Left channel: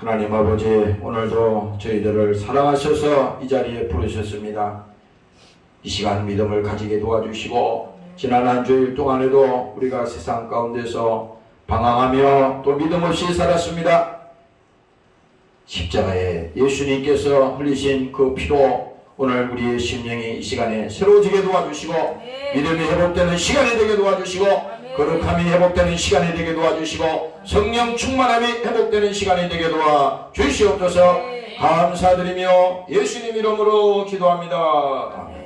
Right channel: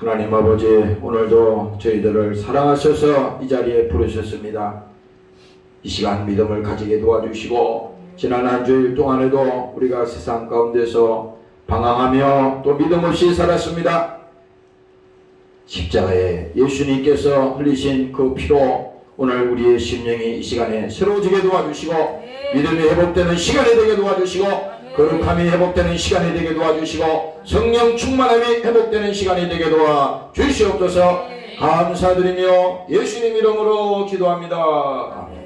하나님 아버지, 오늘도 저희들을 사랑하셔서 이 자리에 부르셨습니다. 이 시간 믿음을 가지게 도와주시고, 지난 한 주일 동안에도 우리가 세상 가운데서 방황하며 또 믿음 없이 살았습니다. 십자가에 예수님께서 흘리신 그 피로 오늘 우리의 심령이 이 시간에 새로워지게 도와주시고, 믿음이 회복되는 시간이 되게 도와주시고, 거룩함이 회복되는 시간이 되게 도와주시고, 성령 충만함이 회복되는 시간이 되게 도와주시옵소서. 감사드리며 예수님 이름으로 기도합니다. 아멘.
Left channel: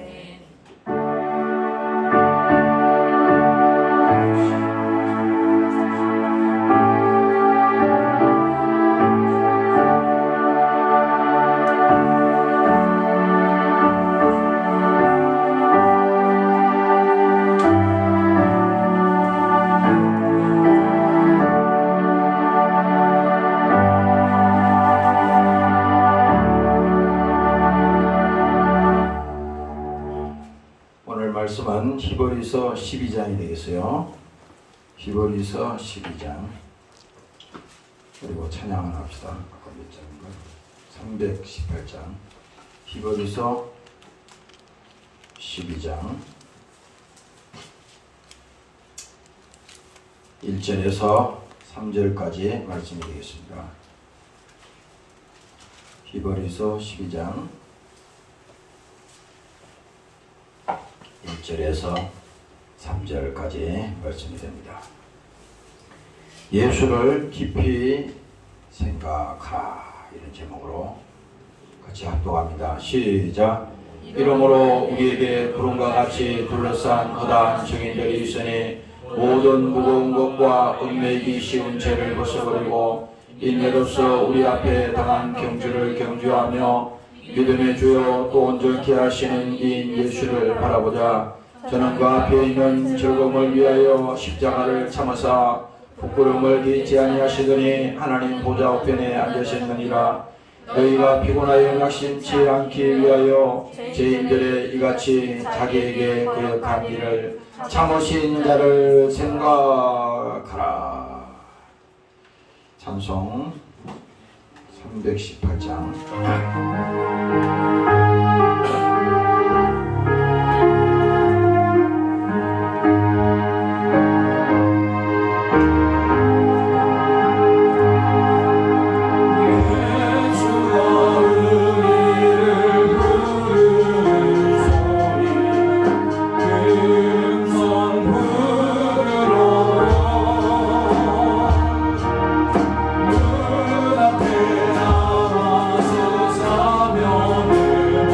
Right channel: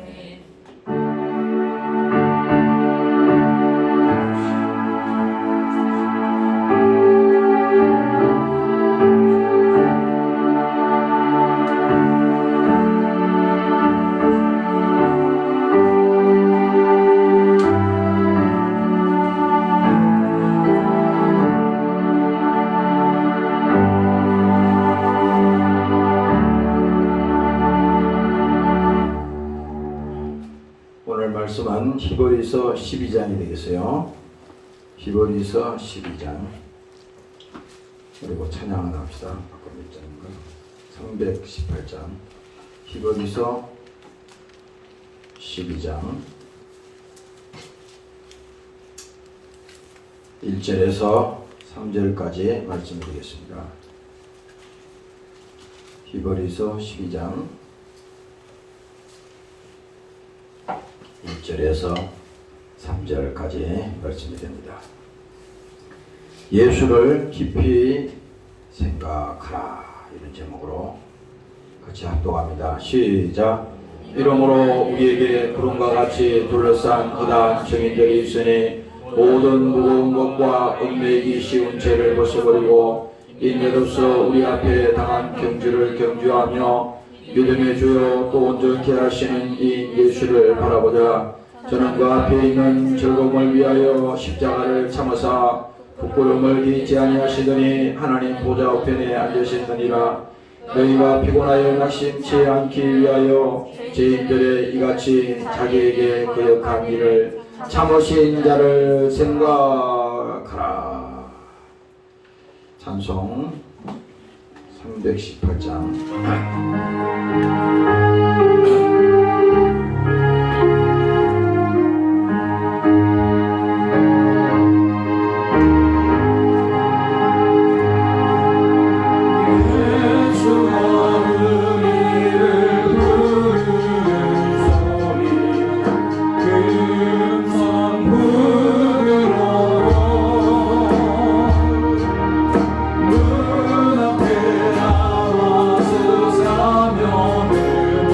말씀은 히브리서 12장이 되겠어요. 히브리서 12장. 그리고 찬양을 합시다. 아까 몇 장인가? 318장. 히브리서 12장 1절에서 3절까지 말씀이 되겠습니다. 히브리서 12장 1절에서 3절까지 말씀이 됩니다. 예수를 깊이 생각하라, 이런 제목으로 같이 합독합니다. 시작. 이러므로 우리에게 구름과 같이 둘러싼 허다한 증인들이 있으니 모든 무거운 것과 얽매이기 쉬운 죄를 벗어버리고 인내로서 우리 앞에 당한 경주를 경주하며 믿음의 주요 또 온전케 하시는 이 예수를 바라보자. 저는 그 앞에 있는 즐거움을 위하여 십자가를 참으사 부끄러움을 기치 아니하시더니 하나님 보좌 우편에 앉으셨느니라. 너희가 피곤하여 낙심치 않기 위하여 죄인들의 이같이 자기에게 거역한 일을 참으신 자를 생각하라. 찬송 318장. 문 앞에 나와서 사면을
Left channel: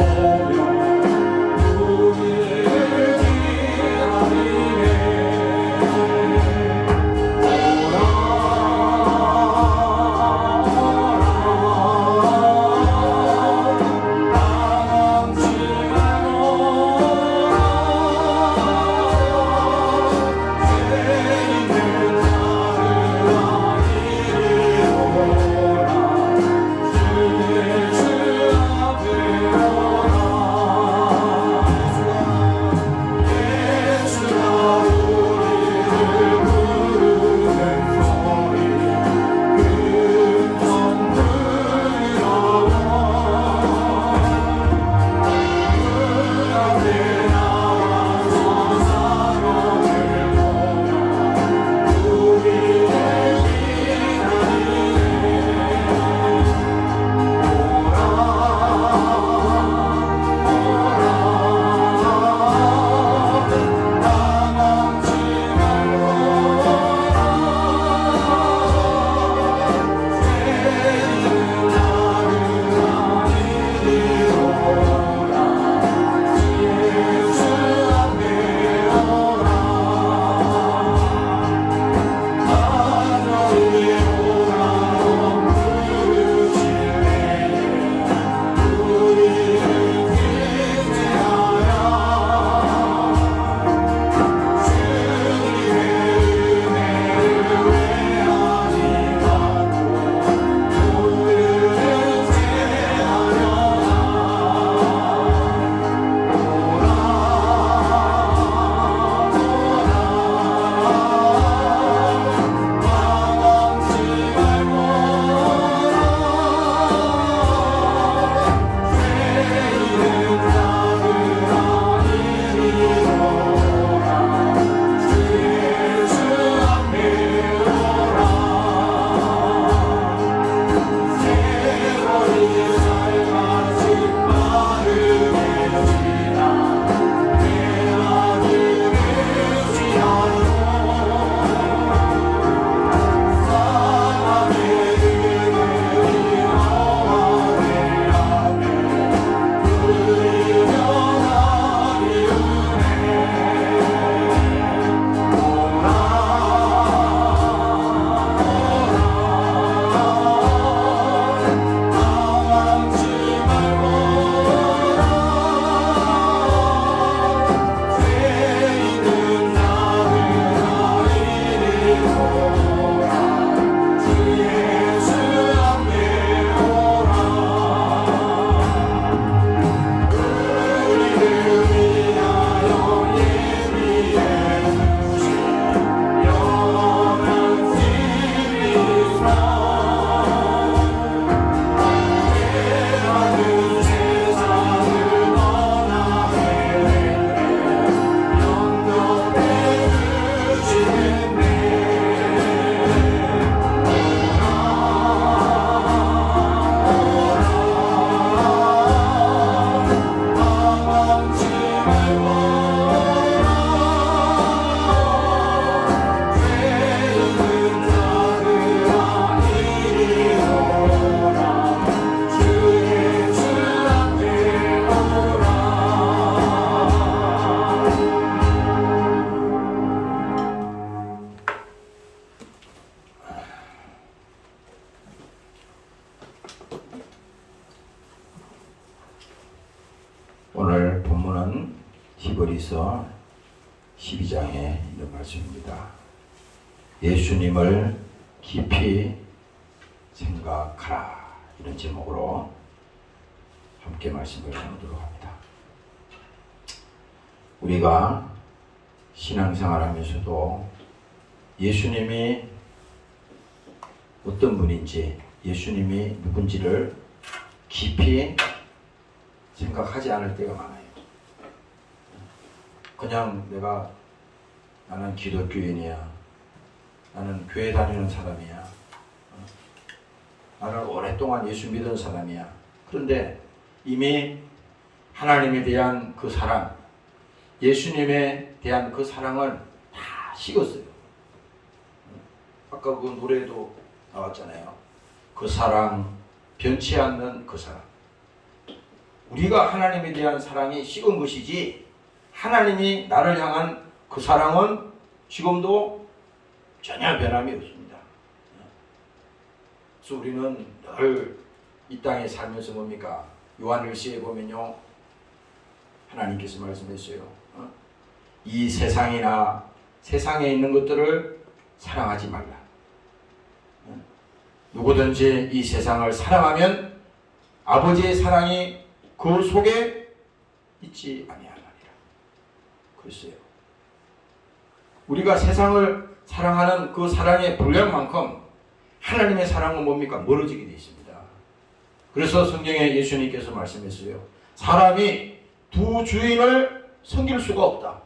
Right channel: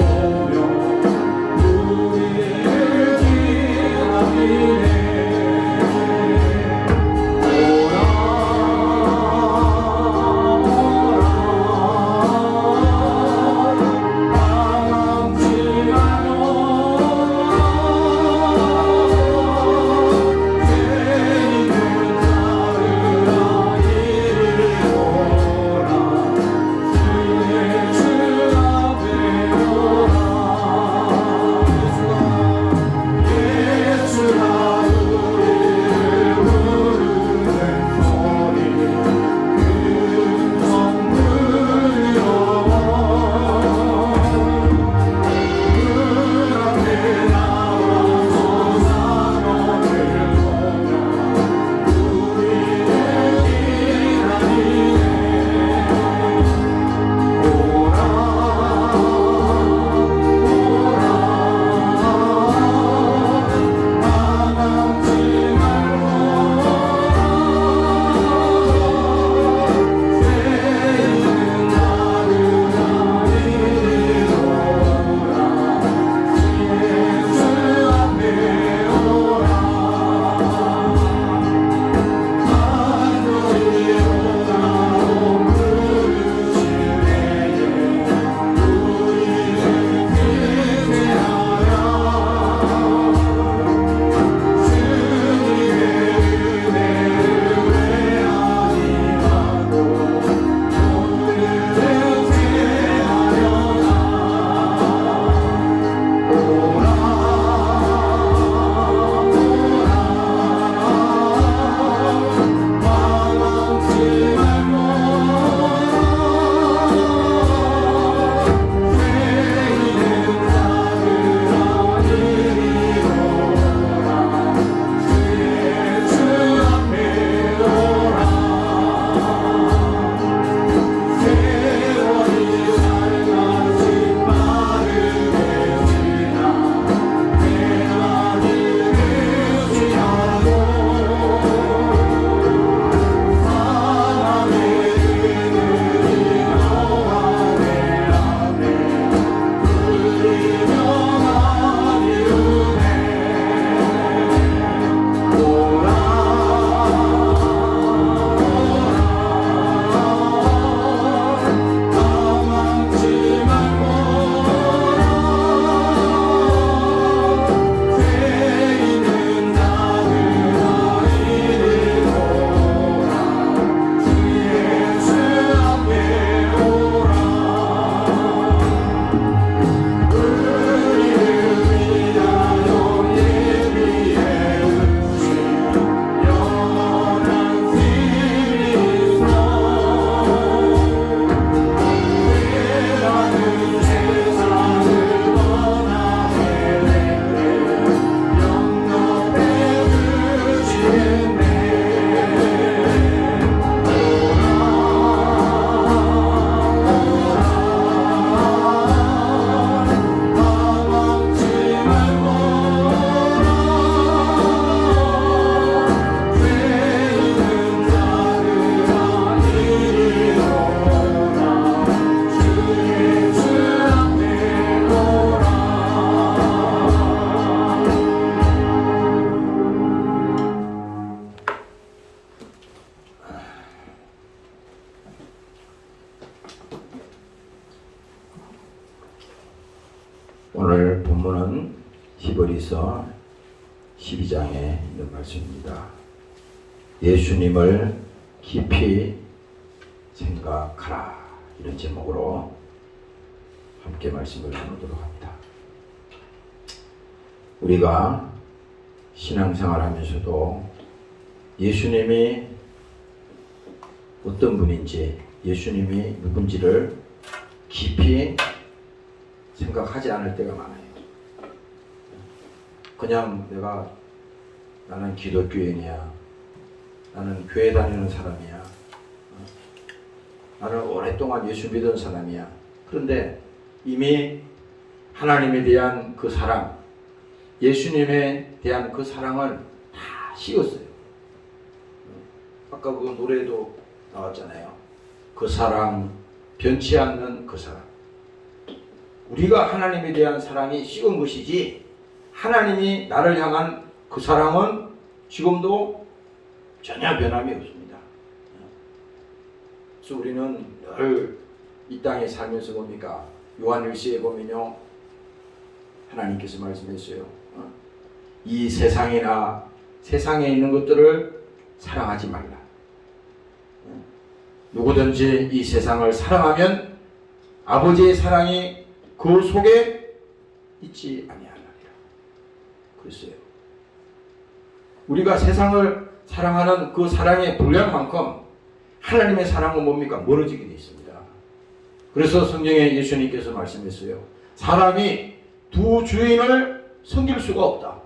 본문은 히브리서 12장에 있는 말씀입니다. 예수님을 깊이 생각하라, 이런 제목으로 함께 말씀을 나누도록 합니다. 우리가 신앙생활 하면서도 예수님이 어떤 분인지, 예수님이 누군지를 깊이 생각하지 않을 때가 많아요. 그냥 나는 기독교인이야, 나는 교회 다니는 사람이야, 나는 오랫동안 예수 믿은 사람이야. 그런데 이미 하나님에 대한 그 사랑, 예수님에 대한 그 사랑을 다 식었어요. 아까 그 노래도 나왔잖아요. 그 사랑, 변치 않는 그 사랑. 우리가 하나님에 대한 사랑이 식은 것이지, 하나님이 나를 향한 그 사랑은 지금도 전혀 변함이 없습니다. 그래서 우리는 늘 이 땅에 살면서 뭡니까? 요한일서에 보면요, 하나님께서 말씀했어요. 이 세상이나 세상에 있는 것들을 사랑하지 말라. 누구든지 이 세상을 사랑하면 아버지의 사랑이 그 속에 있지 아니하리라. 그랬어요. 우리가 세상을 사랑하는 그 사랑의 분량만큼 하나님의 사랑은 뭡니까? 멀어지게 되어 있습니다. 그래서 성경에 예수님께서 말씀했어요. 사람이 두 주인을 섬길 수가 없다.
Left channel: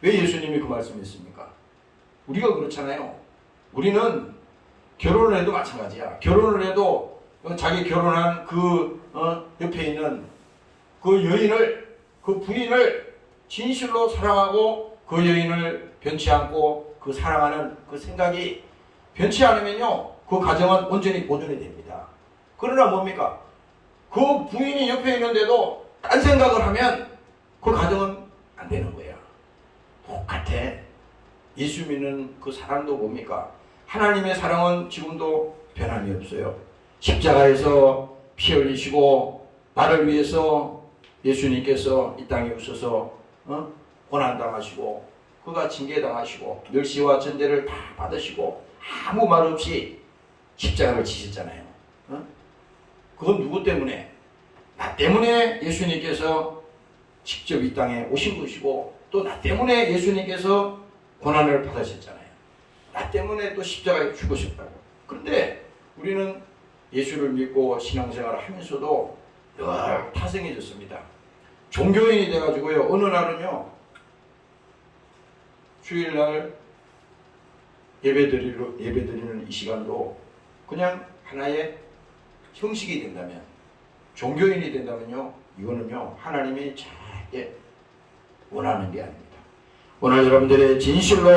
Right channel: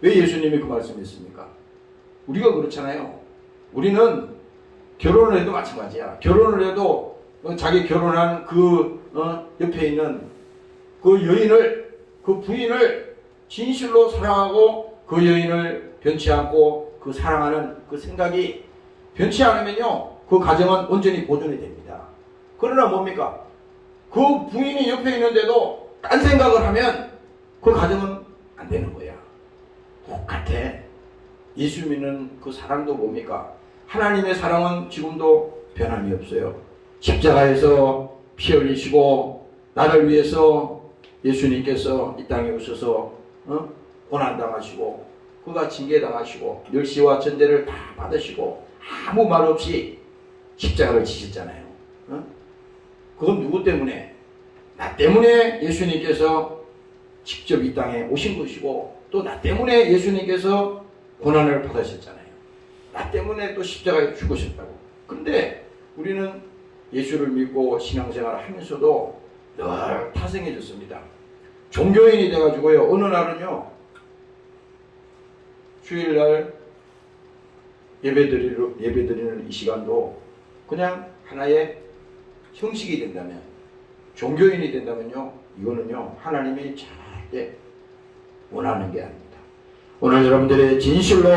왜 예수님이 그 말씀했습니까? 우리가 그렇잖아요. 우리는 결혼을 해도 마찬가지야. 결혼을 해도 자기 결혼한 그 옆에 있는 그 여인을, 그 부인을 진실로 사랑하고 그 여인을 변치 않고 그 사랑하는 그 생각이 변치 않으면요, 그 가정은 온전히 보존이 됩니다. 그러나 뭡니까? 그 부인이 옆에 있는데도 딴 생각을 하면 그 가정은 안 되는 거야. 똑같아. 예수 믿는 그 사랑도 뭡니까? 하나님의 사랑은 지금도 변함이 없어요. 십자가에서 피 흘리시고 나를 위해서 예수님께서 이 땅에 오셔서 고난당하시고 그가 징계당하시고 멸시와 전제를 다 받으시고 아무 말 없이 십자가를 지셨잖아요. 그건 누구 때문에? 나 때문에 예수님께서 직접 이 땅에 오신 것이고, 또 나 때문에 예수님께서 고난을 받으셨잖아요. 나 때문에 또 십자가에 죽으셨다고. 그런데 우리는 예수를 믿고 신앙생활을 하면서도 늘 타성해졌습니다. 종교인이 돼가지고요, 어느 날은요, 주일날 예배드리는 이 시간도 그냥 하나의 형식이 된다면, 종교인이 된다면요, 이거는요, 하나님이 절대 원하는 게 아닙니다. 오늘 여러분들이 진실로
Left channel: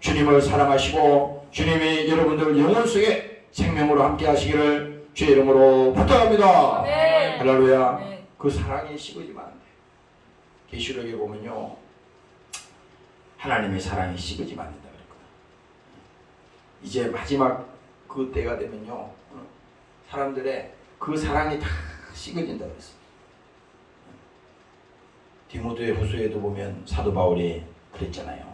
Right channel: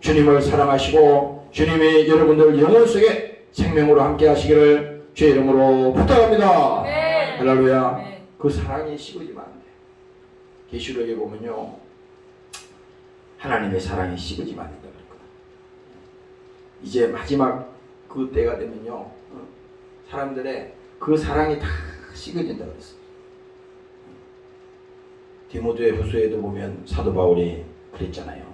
주님을 사랑하시고 주님이 여러분들 영혼 속에 생명으로 함께 하시기를 주의 이름으로 부탁합니다. 네. 할렐루야. 네. 그 사랑이 식어지면 안 돼. 계시록에 보면요, 하나님의 사랑이 식어지면 안 된다고 했거든. 이제 마지막 그 때가 되면요, 사람들의 그 사랑이 다 식어진다고 했어요. 디모데 후서에도 보면 사도 바울이 그랬잖아요.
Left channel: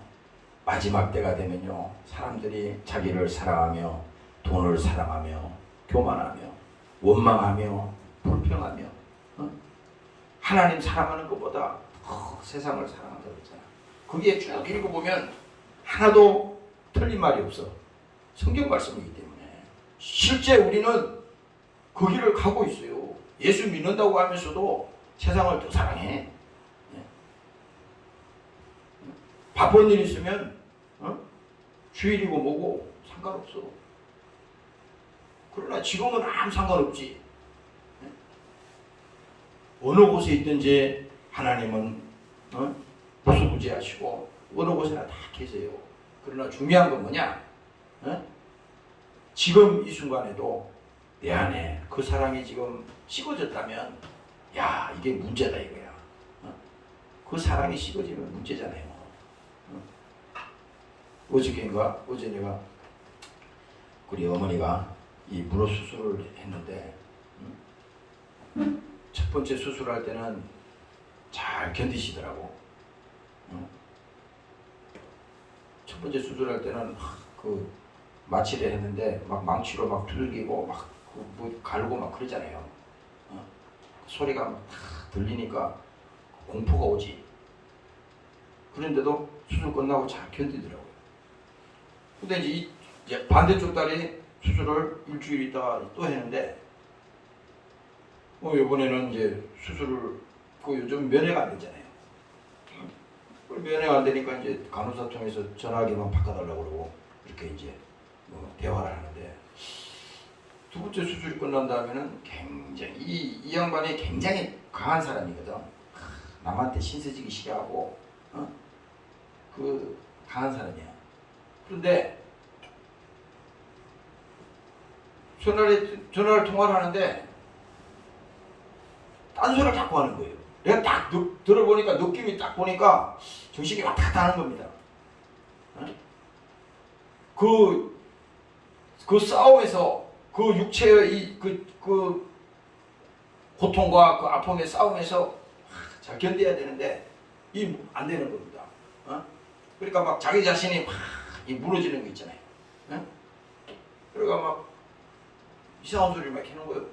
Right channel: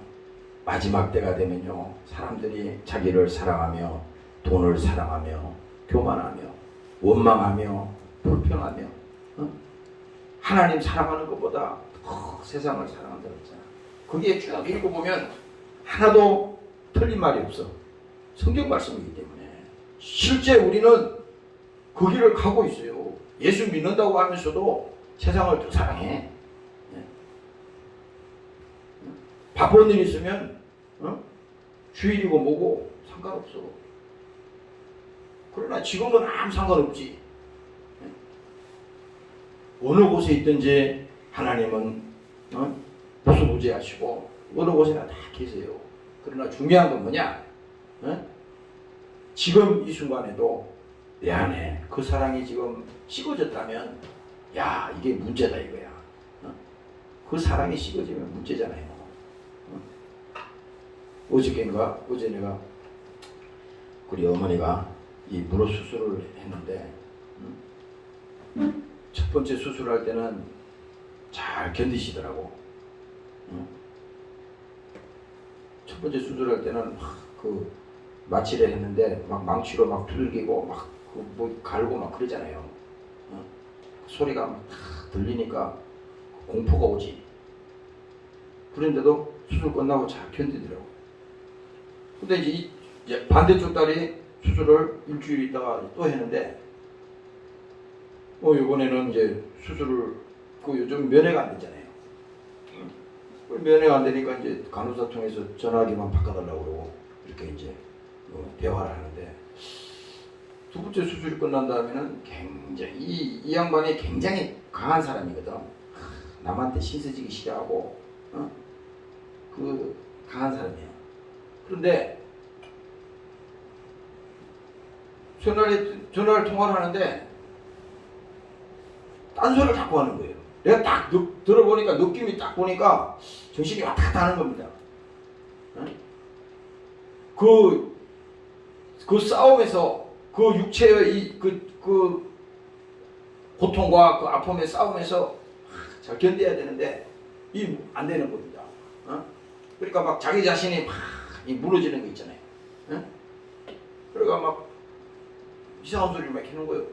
마지막 때가 되면요, 사람들이 자기를 사랑하며 돈을 사랑하며 교만하며 원망하며 불평하며 하나님 사랑하는 것보다 세상을 사랑한다고 했잖아. 거기에 쭉 읽어보면 하나도 틀린 말이 없어. 성경 말씀이기 때문에. 실제 우리는 그 길을 가고 있어요. 예수 믿는다고 하면서도 세상을 더 사랑해. 바쁜 일 있으면 주일이고 뭐고 상관없어. 그러나 지금은 아무 상관없지. 어느 곳에 있든지 하나님은 무수부지하시고 어느 곳에나 다 계세요. 그러나 중요한 건 뭐냐? 지금 이 순간에도 내 안에 그 사랑이 지금 식어졌다면, 야, 이게 문제다 이거야. 그 사랑이 식어지면 문제잖아요. 어제 내가 우리 어머니가 이 무릎 수술을 했는데, 첫 번째 수술할 때는 잘 견디시더라고. 첫 번째 수술할 때는 그 마취를 했는데 막 망치로 막 두들기고 막 뭐 갈고 막 그러잖아요. 소리가 막 들리니까 공포가 오지. 그런데도 수술 끝나고 잘 견디더라고요. 근데 이제 반대쪽 다리 수술을 일주일 있다가 또 했는데 이번에는 이제 수술을 요즘 면회가 안 되잖아요. 면회가 안 되니까 이제 간호사 통해서 전화기만 바꿔달라고 그러고 이렇게 이제 대화를 하는데 두 번째 수술이 끝난 다음에는 굉장히 이 양반이 굉장히 강한 사람이거든. 남한테 신세지기 싫어하고 그 강한 사람이야. 그런데 전화를 통화를 하는데 딴소리를 자꾸 하는 거예요. 내가 딱 들어보니까 느낌이 딱 보니까 정신이 왔다 갔다 하는 겁니다. 그 싸움에서 그 육체의 그 고통과 그 아픔의 싸움에서 잘 견뎌야 되는데 이 안 되는 겁니다. 그러니까 막 자기 자신이 막 무너지는 거 있잖아요. 그러니까 막 이상한 소리를 막 하는 거예요.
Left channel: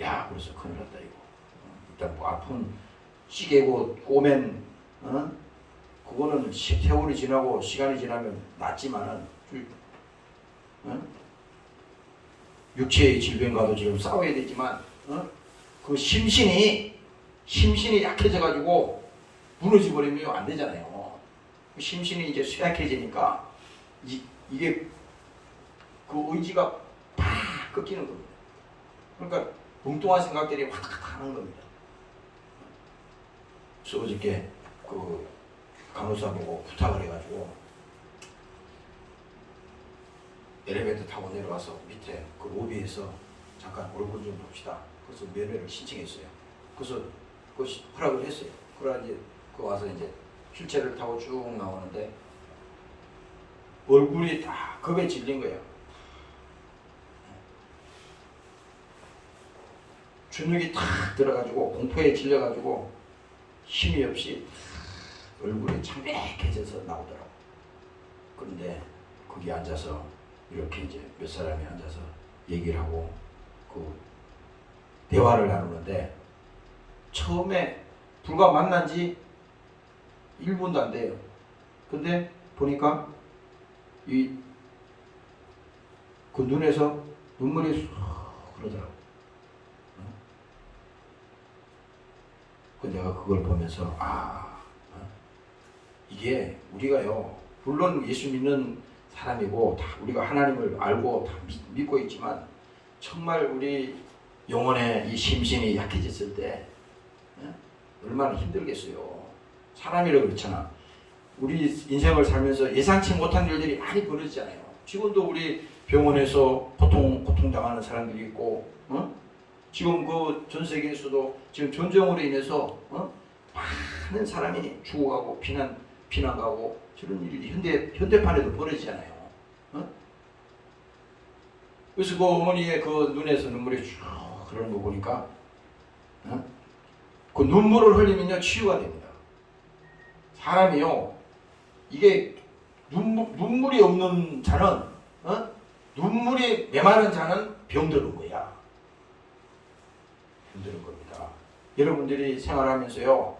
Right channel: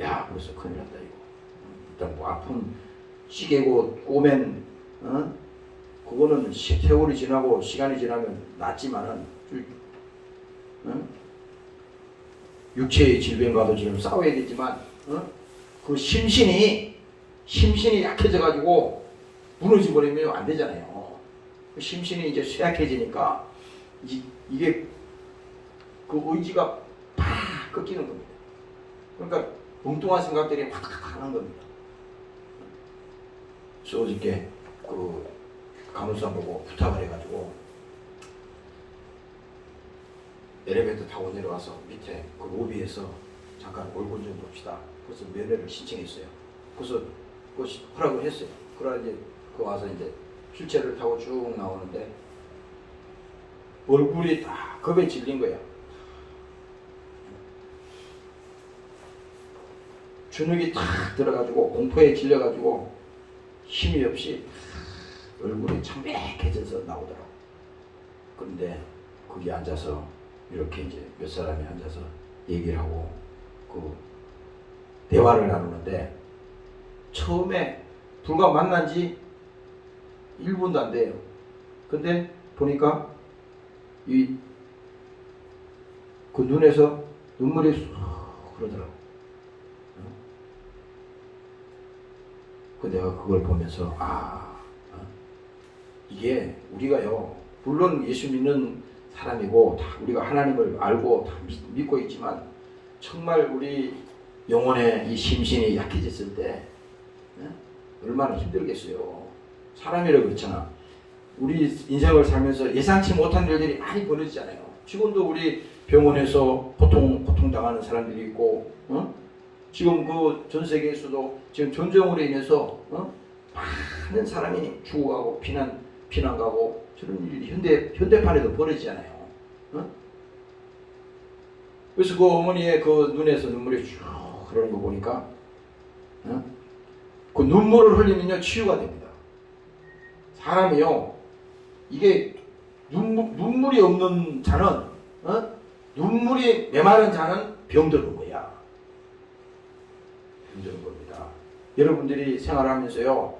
야, 그래서 큰일 났다 이거. 일단 뭐 아픈 시계고 오면 그거는 세월이 지나고 시간이 지나면 낫지만은 육체의 질병과도 지금 싸워야 되지만 그 심신이 약해져 가지고 무너져 버리면 안 되잖아요. 심신이 이제 쇠약해지니까 이게 그 의지가 팍 꺾이는 겁니다. 그러니까 엉뚱한 생각들이 확 하는 겁니다. 그래서 어저께 그 간호사 보고 부탁을 해가지고 엘리베이터 타고 내려와서 밑에 그 로비에서 잠깐 얼굴 좀 봅시다. 그래서 면회를 신청했어요. 그래서 그 허락을 했어요. 그러다 이제 그 와서 이제 휠체어를 타고 쭉 나오는데 얼굴이 딱 겁에 질린 거예요. 주눅이 탁 들어가지고 공포에 질려가지고 힘이 없이 얼굴이 창백해져서 나오더라고. 그런데 거기 앉아서 이렇게 이제 몇 사람이 앉아서 얘기를 하고 그 대화를 나누는데 처음에 불과 만난 지 1분도 안 돼요. 근데 보니까 그 눈에서 눈물이 쑥 흐르더라고. 내가 그걸 보면서 이게 우리가요, 물론 예수 믿는 사람이고 다 우리가 하나님을 알고 다 믿고 있지만 정말 우리 영혼의 이 심신이 약해졌을 때 얼마나 힘들겠어요. 사람이라고 그렇잖아. 우리 인생을 살면서 예상치 못한 일들이 많이 벌어지잖아요. 지금도 우리 병원에서 고통당하는 사람들이 있고 지금 그 전 세계에서도 지금 전쟁으로 인해서 많은 사람이 죽어가고 피난 가고 저런 일이 현대판에도 벌어지잖아요. 그래서 그 어머니의 그 눈에서 눈물이 쭉 흐르는 거 보니까 그 눈물을 흘리면요 치유가 됩니다. 사람이요 이게 눈물이 없는 자는 눈물이 메마른 자는 병드는 거야. 힘든 겁니다. 여러분들이 생활하면서요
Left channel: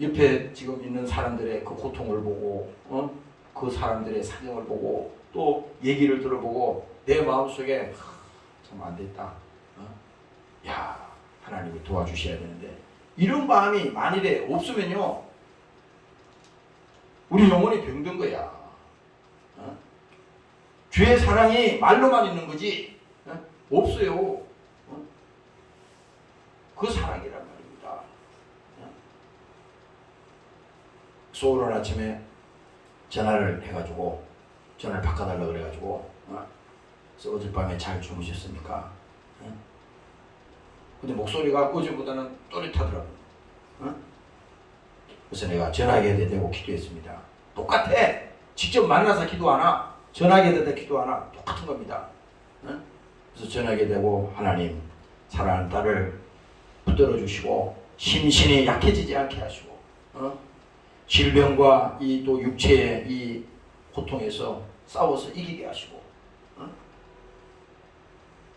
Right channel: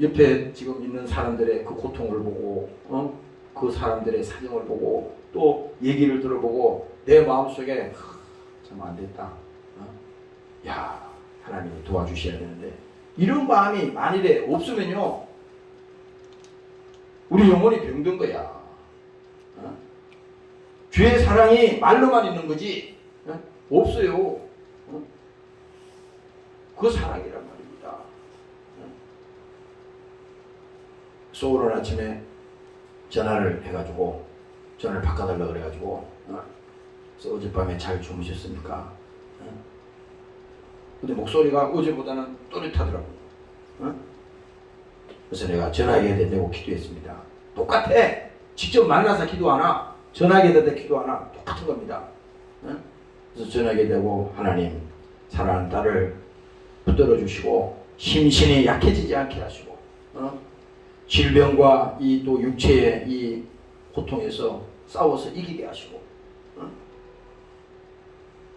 옆에 지금 있는 사람들의 그 고통을 보고 그 사람들의 사정을 보고 또 얘기를 들어보고 내 마음속에 참 안됐다. 야 하나님이 도와주셔야 되는데 이런 마음이 만일에 없으면요 우리 영혼이 병든 거야. 죄의 사랑이 말로만 있는 거지 없어요. 그 사랑이란 말입니다. 소울은 아침에 전화를 해가지고 전화를 바꿔달라고 그래가지고 그래서 어젯밤에 잘 주무셨습니까? 근데 목소리가 어제보다는 또렷하더라고요. 그래서 내가 전화기에 대고 기도했습니다. 똑같아. 직접 만나서 기도하나 전화기에 대고 기도하나 똑같은 겁니다. 그래서 전화기에 대고 하나님 사랑하는 딸을 붙들어 주시고 심신이 약해지지 않게 하시고 질병과 이 또 육체의 이 고통에서 싸워서 이기게 하시고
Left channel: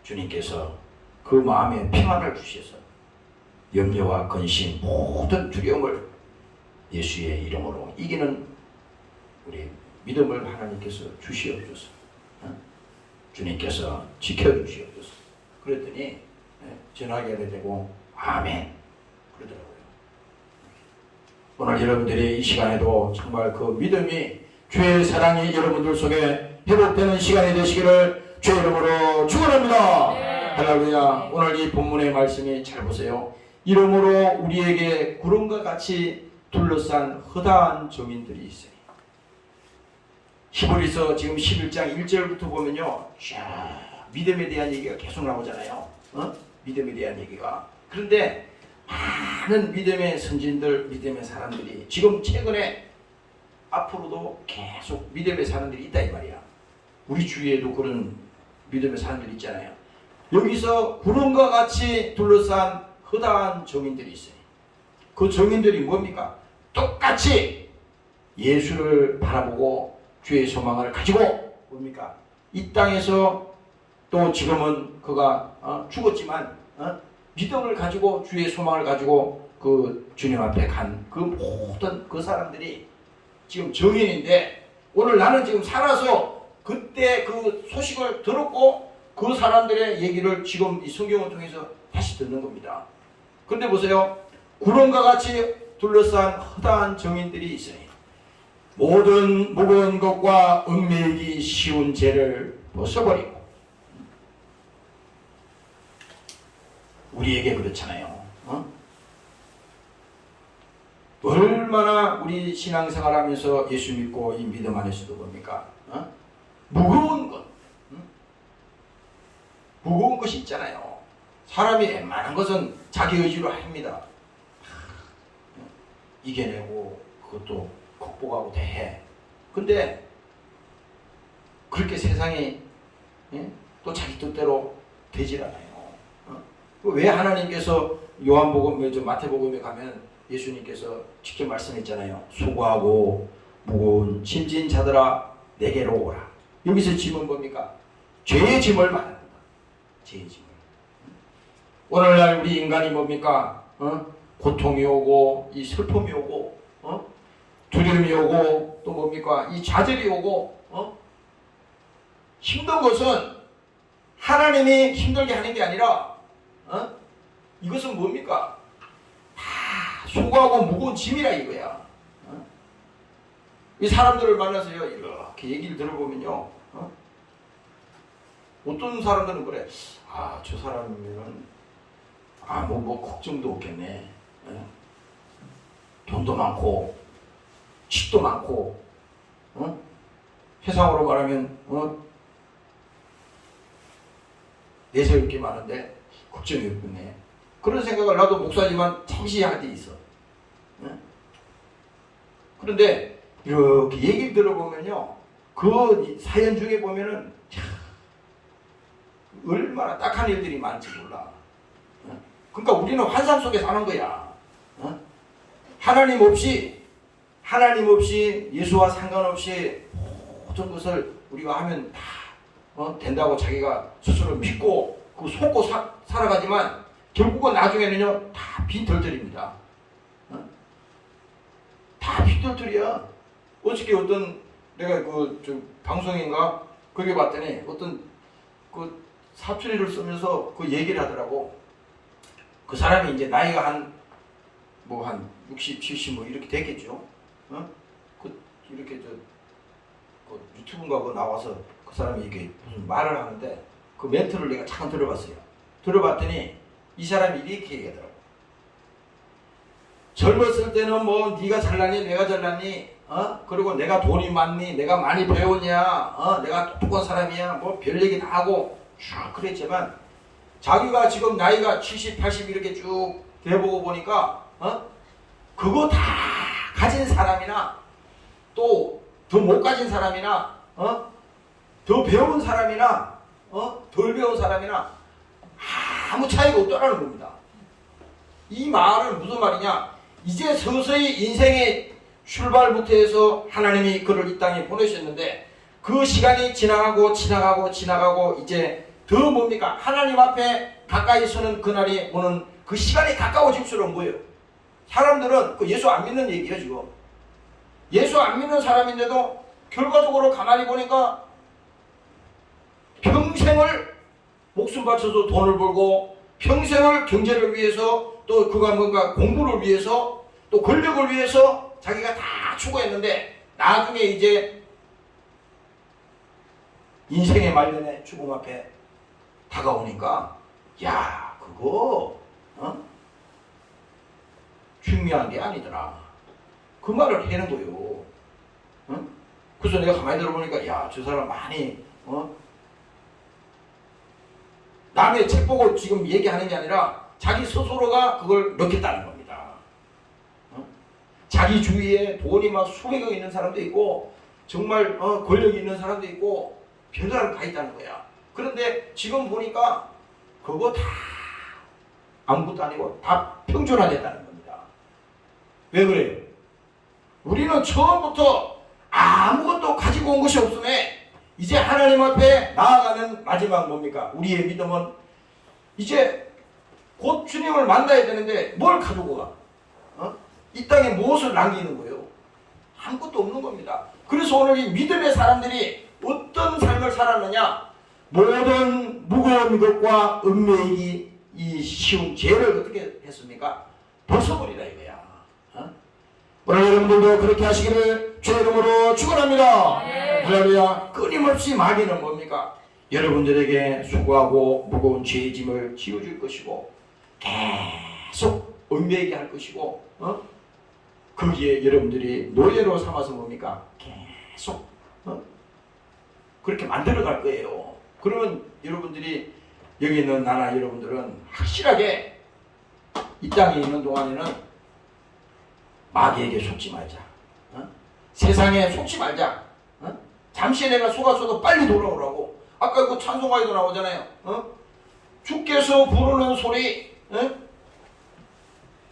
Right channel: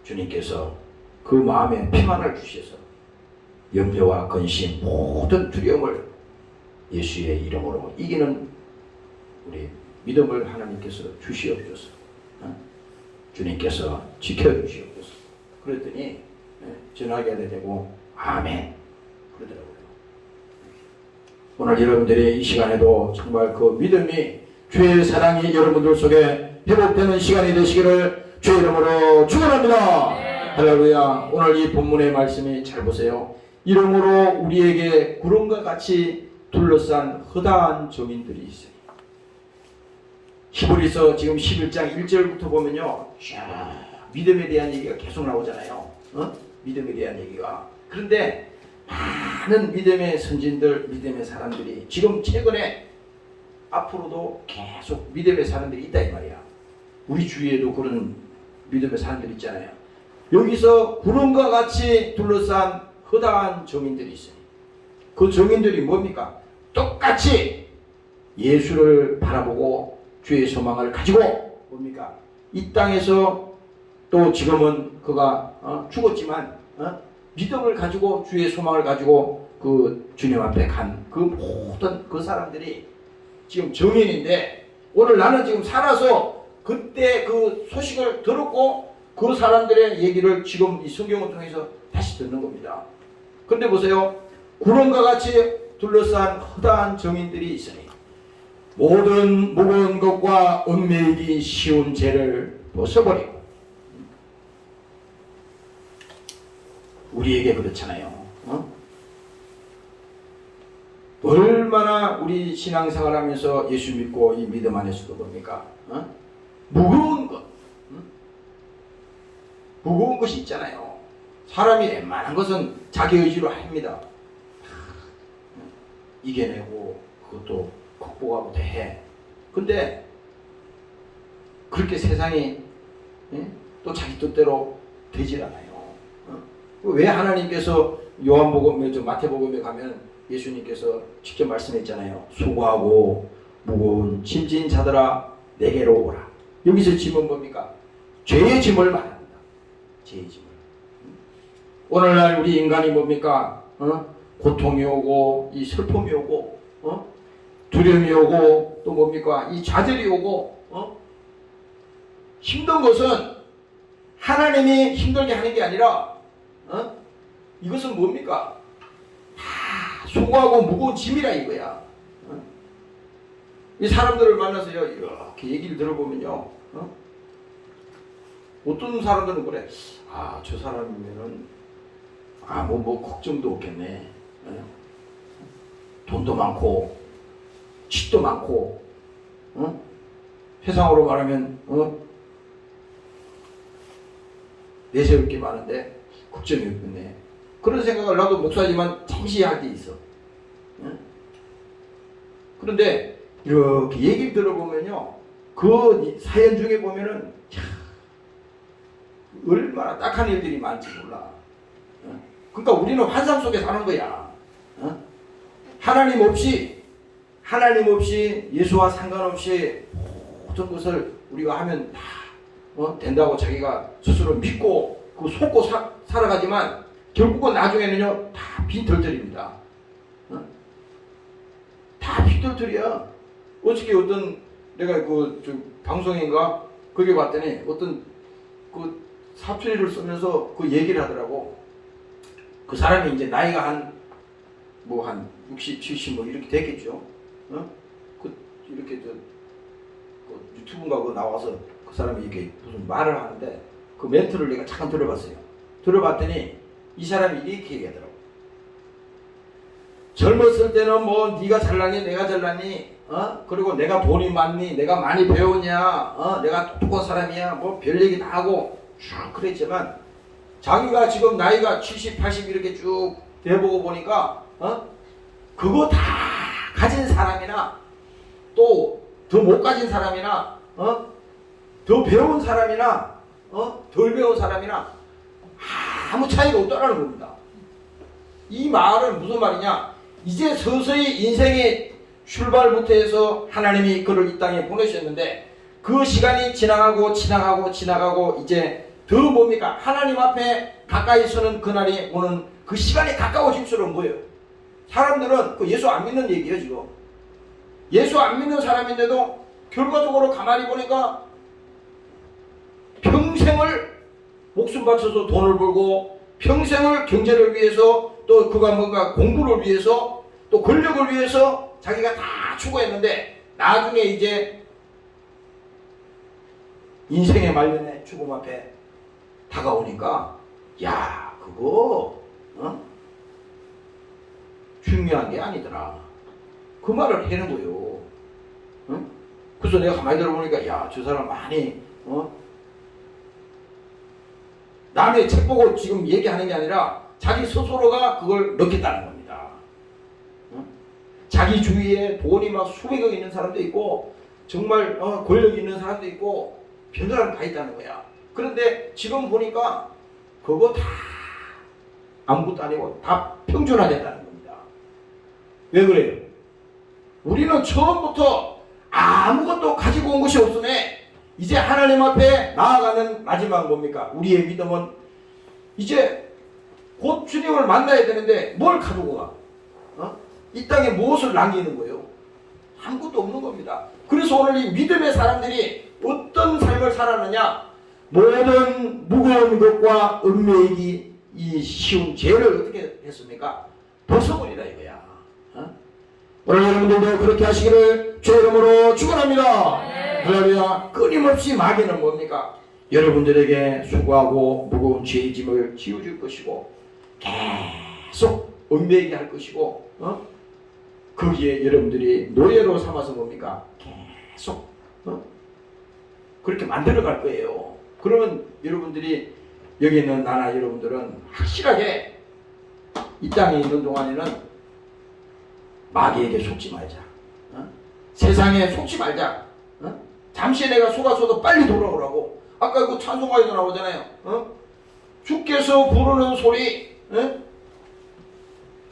주님께서 그 마음에 평안을 주셔서 염려와 근심 모든 두려움을 예수의 이름으로 이기는 우리 믿음을 하나님께서 주시옵소서. 주님께서 지켜주시옵소서. 그랬더니 전화기가 되고 아멘 그러더라고요. 오늘 여러분들이 이 시간에도 정말 그 믿음이 주의 사랑이 여러분들 속에 회복되는 시간이 되시기를 주의 이름으로 축원합니다. 할렐루야. 오늘 이 본문의 말씀이 잘 보세요. 이러므로 우리에게 구름과 같이 둘러싼 허다한 정인들이 있어요. 히브리서 지금 11장 1절부터 보면요, 믿음에 대한 얘기가 계속 나오잖아요. 믿음에 대한 얘기가. 그런데 많은 믿음의 선진들, 믿음의 사람들이 지금 최근에 앞으로도 계속 믿음의 사람들이 있다 이 말이야. 우리 주위에도 그런 믿음의 사람들이 있잖아요. 여기서 구름과 같이 둘러싼 허다한 정인들이 있어요. 그 정인들이 뭡니까? 똑같이 예수를 바라보고 주의 소망을 가지고 뭡니까? 이 땅에서 또 지금은 그가 죽었지만 믿음을 가지고 주의 소망을 가지고 그 주님 앞에 간 그 모든 그 사람들이 지금 정인인데 오늘 나는 지금 살아서 그때 그 소식을 들었고 그 사람들의 얘기를 지금 이 성경을 통해서 다시 듣는 겁니다. 그런데 보세요. 구름과 같이 둘러싼 허다한 정인들이 있으니 모든 무거운 것과 얽매이기 쉬운 죄를 벗어버리고 우리에게 그렇잖아요. 얼마나 우리 신앙생활하면서 예수 믿고 이 믿음 안에서도 뭡니까? 무거운 것, 무거운 것이 있잖아요. 사람이 웬만한 것은 자기 의지로 합니다. 이겨내고 그것도 극복하고 대해. 근데 그렇게 세상이 또 자기 뜻대로 되질 않아요. 왜 하나님께서 요한복음, 마태복음에 가면 예수님께서 직접 말씀했잖아요. 수고하고 무거운 짐진 자들아 내게로 오라. 여기서 짐은 뭡니까? 죄의 짐을 말합니다. 죄의 짐을. 오늘날 우리 인간이 뭡니까? 고통이 오고 이 슬픔이 오고 두려움이 오고 또 뭡니까? 이 좌절이 오고 힘든 것은 하나님이 힘들게 하는 게 아니라 이것은 뭡니까? 다 수고하고 무거운 짐이라 이거야. 이 사람들을 만나서요 이렇게 얘기를 들어보면요 어떤 사람들은 그래. 저 사람이면 뭐 걱정도 없겠네. 돈도 많고 집도 많고 세상으로 말하면 내세울 게 많은데 걱정이 없네. 그런 생각을 나도 목사지만 잠시 할 때 있어. 그런데 이렇게 얘기를 들어보면요 그 사연 중에 보면은 얼마나 딱한 일들이 많지 몰라. 그러니까 우리는 환상 속에 사는 거야. 하나님 없이 예수와 상관없이 모든 것을 우리가 하면 다 된다고 자기가 스스로 믿고 그 속고 살아가지만 결국은 나중에는요 다 빈털털입니다. 다 빈털털이야. 어저께 어떤 내가 방송인가 거기 봤더니 어떤 그 사투리를 쓰면서 그 얘기를 하더라고. 그 사람이 이제 나이가 한 60, 70 뭐 이렇게 됐겠죠. 이렇게 유튜브인가 그거 나와서 그 사람이 이렇게 무슨 말을 하는데 그 멘트를 내가 잠깐 들어봤어요. 들어봤더니 이 사람이 이렇게 얘기하더라고. 젊었을 때는 뭐 네가 잘나니 내가 잘나니 그리고 내가 돈이 많니 내가 많이 배웠냐 내가 똑똑한 사람이야 뭐 별 얘기 다 하고 쭉 그랬지만 자기가 지금 나이가 70, 80 이렇게 쭉 돼보고 보니까 그거 다 가진 사람이나 또 더 못 가진 사람이나 더 배운 사람이나 덜 배운 사람이나 아무 차이가 없다는 겁니다. 이 말은 무슨 말이냐? 이제 서서히 인생의 출발부터 해서 하나님이 그를 이 땅에 보내셨는데 그 시간이 지나가고 이제 더 뭡니까? 하나님 앞에 가까이 서는 그날이 오는 그 시간이 가까워질수록 뭐예요? 사람들은 그 예수 안 믿는 얘기예요 지금. 예수 안 믿는 사람인데도 결과적으로 가만히 보니까 평생을 목숨 바쳐서 돈을 벌고 평생을 경제를 위해서 또 그가 뭔가 공부를 위해서 또 권력을 위해서 자기가 다 추구했는데 나중에 이제 인생의 말년에 죽음 앞에 다가오니까 야 그거 중요한 게 아니더라. 그 말을 하는 거예요. 그래서 내가 가만히 들어보니까 야 저 사람 많이 남의 책 보고 지금 얘기하는 게 아니라 자기 스스로가 그걸 느꼈다는 겁니다. 자기 주위에 돈이 막 수백억 있는 사람도 있고 정말 권력이 있는 사람도 있고 별사람 다 있다는 거야. 그런데 지금 보니까 그거 다 아무것도 아니고 다 평준화됐다는 겁니다. 왜 그래요? 우리는 처음부터 아무것도 가지고 온 것이 없음에 이제 하나님 앞에 나아가는 마지막 뭡니까? 우리의 믿음은 이제 곧 주님을 만나야 되는데 뭘 가지고 가? 이 땅에 무엇을 남기는 거예요? 아무것도 없는 겁니다. 그래서 오늘 이 믿음의 사람들이 어떤 삶을 살았느냐? 모든 무거운 것과 은매이기 이 쉬운 죄를 어떻게 했습니까? 벗어버리라 이거야. 오늘 여러분들도 그렇게 하시기를 주의 이름으로 축원합니다. 할렐루야. 끊임없이 마귀는 뭡니까? 여러분들에게 수고하고 무거운 죄의 짐을 지어줄 것이고 계속 얽매이게 할 것이고 거기에 여러분들이 노예로 삼아서 뭡니까? 계속 그렇게 만들어갈 거예요. 그러면 여러분들이 여기 있는 나나 여러분들은 확실하게 이 땅에 있는 동안에는 마귀에게 속지 말자. 세상에 속지 말자. 잠시 내가 속았어도 빨리 돌아오라고. 아까 그 찬송가에도 나오잖아요. 주께서 부르는 소리,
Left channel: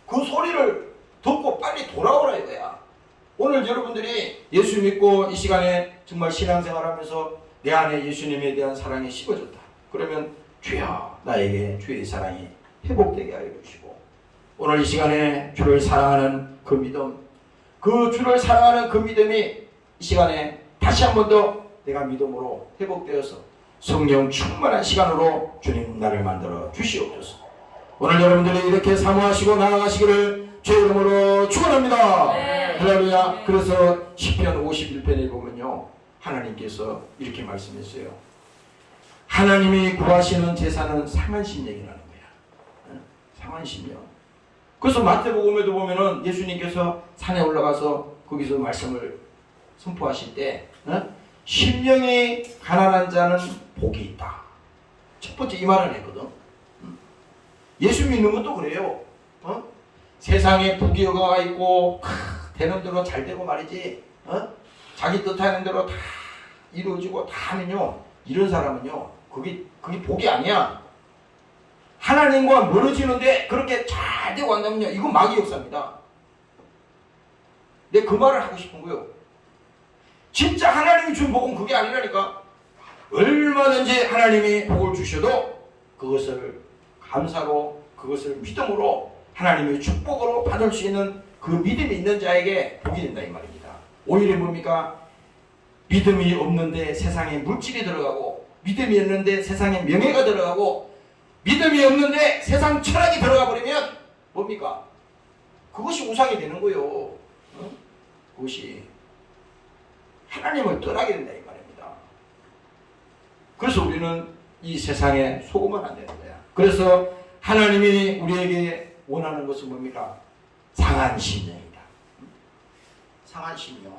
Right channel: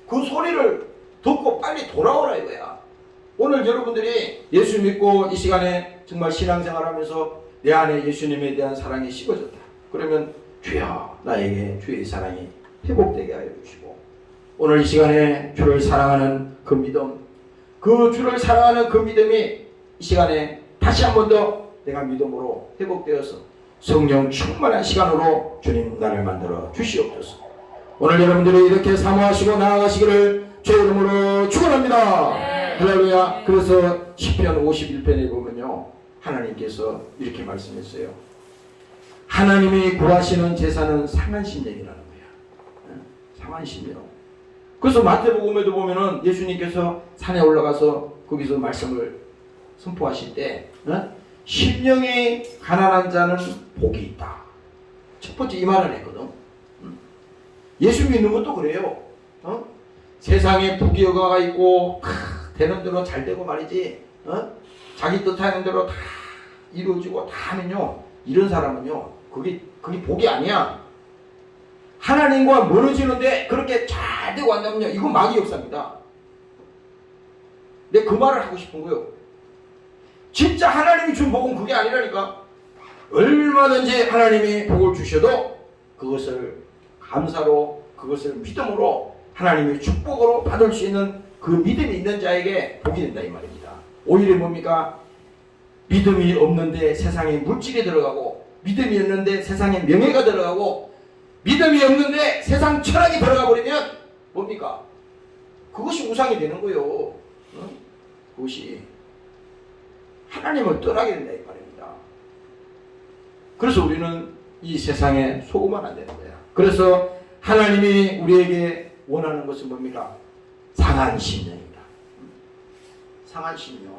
그 소리를 듣고 빨리 돌아오라 이거야. 오늘 여러분들이 예수 믿고 이 시간에 정말 신앙생활하면서 내 안에 예수님에 대한 사랑이 식어졌다. 그러면 주여 나에게 주의 사랑이 회복되게 하여 주시고 오늘 이 시간에 주를 사랑하는 그 믿음, 그 주를 사랑하는 그 믿음이 이 시간에 다시 한 번 더 내가 믿음으로 회복되어서 성령 충만한 시간으로 주님 나를 만들어 주시옵소서. 오늘 여러분들이 이렇게 사모하시고 나아가시기를 주의 이름으로 축원합니다. 할렐루야. 그래서 시편 51편에 보면요 하나님께서 이렇게 말씀했어요. 하나님이 구하시는 제사는 상한 심령이라는 거야. 상한 심령. 그래서 마태복음에도 보면은 예수님께서 산에 올라가서 거기서 말씀을 선포하실 때 심령이 가난한 자는 복이 있다. 첫 번째 이 말을 했거든. 예수 믿는 것도 그래요. 세상에 부귀영화가 있고 되는 대로 잘 되고 말이지. 자기 뜻하는 대로 다 이루어지고 다 하면요. 이런 사람은요. 그게 복이 아니야. 하나님과 멀어지는데 그렇게 잘 되고 한다면요. 이건 마귀 역사입니다. 근데 그 말을 하고 싶은 거예요. 진짜 하나님이 준 복은 그게 아니라니까. 얼마든지 하나님이 복을 주셔도 그것을 감사로 그것을 믿음으로 하나님의 축복으로 받을 수 있는 그 믿음이 있는 자에게 복이 된다 이 말입니다. 오히려 뭡니까? 믿음이 없는데 세상에 물질이 들어가고 믿음이 없는데 세상에 명예가 들어가고 믿음이 없는데 세상 철학이 들어가 버리면 뭡니까? 그것이 우상이 되는 거예요. 그것이 하나님을 떠나게 된다 이 말입니다. 그래서 우리는 이 세상에 속으면 안 되는 거야. 그래서 하나님이 우리에게 원하는 것은 뭡니까? 상한 심령이다. 상한 심령.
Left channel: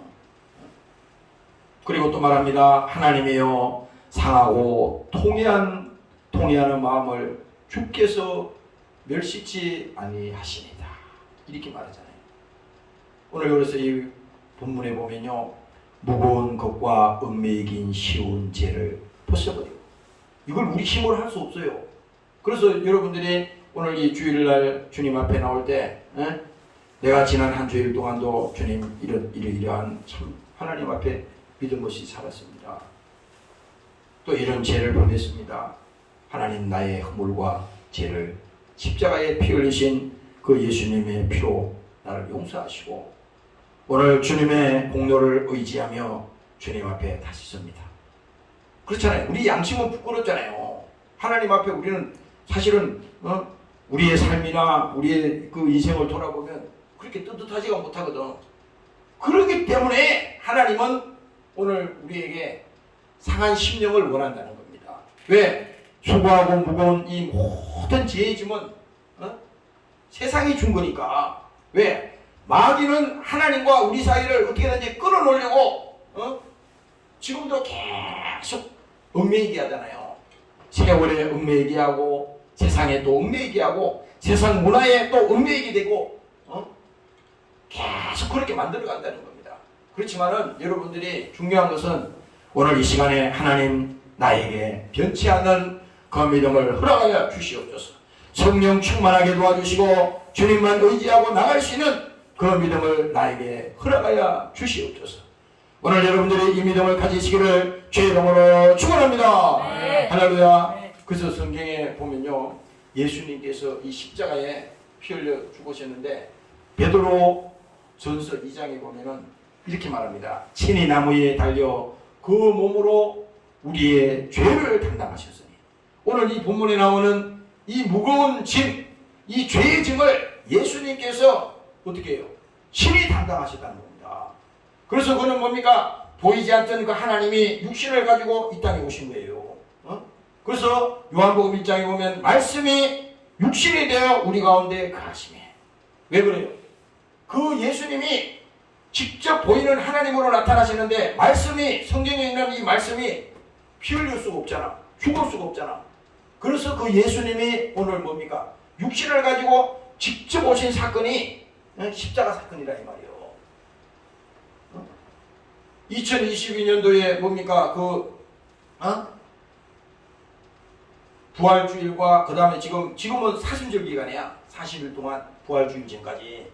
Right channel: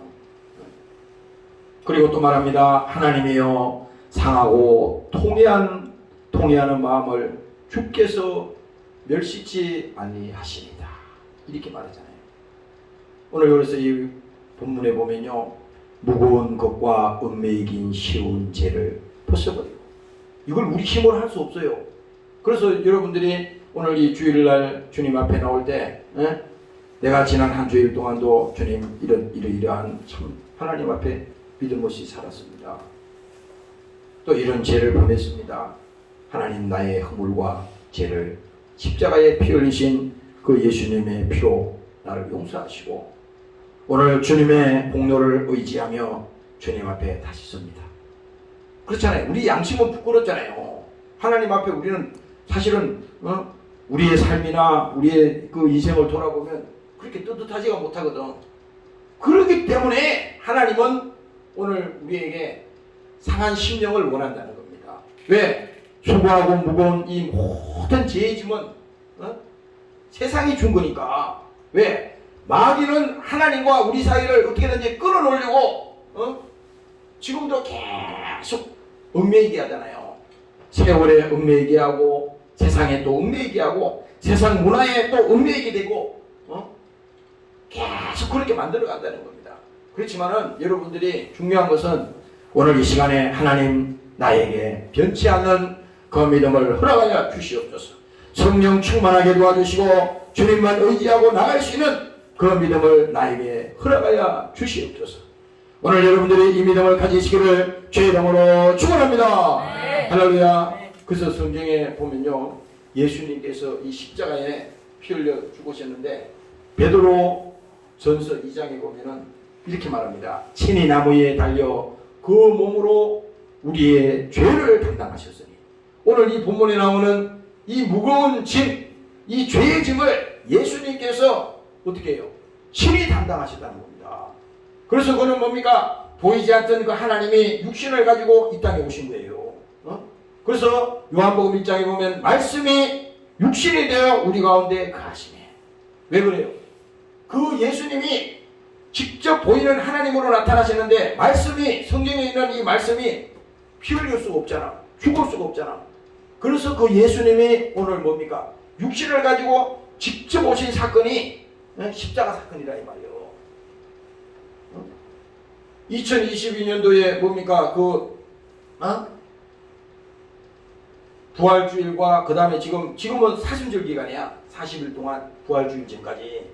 그리고 또 말합니다. 하나님이여 상하고 통회하는 마음을 주께서 멸시치 아니하시리다. 이렇게 말하잖아요. 오늘 그래서 이 본문에 보면요. 무거운 것과 은매이긴 쉬운 죄를 벗어버리고 이걸 우리 힘으로 할 수 없어요. 그래서 여러분들이 오늘 이 주일날 주님 앞에 나올 때 내가 지난 한 주일 동안도 주님 이러한 참 하나님 앞에 믿음 없이 살았습니다. 또 이런 죄를 범했습니다. 하나님 나의 허물과 죄를 십자가에 피 흘리신 그 예수님의 피로 나를 용서하시고 오늘 주님의 공로를 의지하며 주님 앞에 다시 섭니다. 그렇잖아요. 우리 양심은 부끄럽잖아요. 하나님 앞에 우리는 사실은 우리의 삶이나 우리의 그 인생을 돌아보면 그렇게 떳떳하지가 못하거든. 그렇기 때문에 하나님은 오늘 우리에게 상한 심령을 원한다는 겁니다. 왜? 수고하고 무거운 이 모든 죄의 짐은 세상이 준 거니까. 왜? 마귀는 하나님과 우리 사이를 어떻게든지 끊어놓으려고 지금도 계속 얽매이게 하잖아요. 세월에 얽매이게 하고 세상에 또 얽매이게 하고 세상 문화에 또 얽매이게 되고 계속 그렇게 만들어 간다는 겁니다. 그렇지만은 여러분들이 중요한 것은 오늘 이 시간에 하나님 나에게 변치 않는 그 믿음을 허락하여 주시옵소서. 성령 충만하게 도와주시고 주님만 의지하고 나갈 수 있는 그 믿음을 나에게 허락하여 주시옵소서. 오늘 여러분들이 이 믿음을 가지시기를 주의 이름으로 축원합니다. 네. 할렐루야. 네. 그래서 성경에 보면요, 예수님께서 이 십자가에 피 흘려 죽으셨는데 베드로 전서 2장에 보면은 이렇게 말합니다. 친히 나무에 달려 그 몸으로 우리의 죄를 담당하셨으니. 오늘 이 본문에 나오는 이 무거운 짐, 이 죄의 짐을 예수님께서 어떻게 해요? 친히 담당하셨다는 겁니다. 그래서 그는 뭡니까? 보이지 않던 그 하나님이 육신을 가지고 이 땅에 오신 거예요. 그래서 요한복음 1장에 보면 말씀이 육신이 되어 우리 가운데 거하시네. 왜 그래요? 그 예수님이 직접 보이는 하나님으로 나타나시는데 말씀이, 성경에 있는 이 말씀이 피 흘릴 수가 없잖아. 죽을 수가 없잖아. 그래서 그 예수님이 오늘 뭡니까? 육신을 가지고 직접 오신 사건이 십자가 사건이라 이 말이에요. 2022년도에 뭡니까? 부활주일과 그 다음에 지금은 사순절 기간이야. 40일 동안 부활주일 전까지.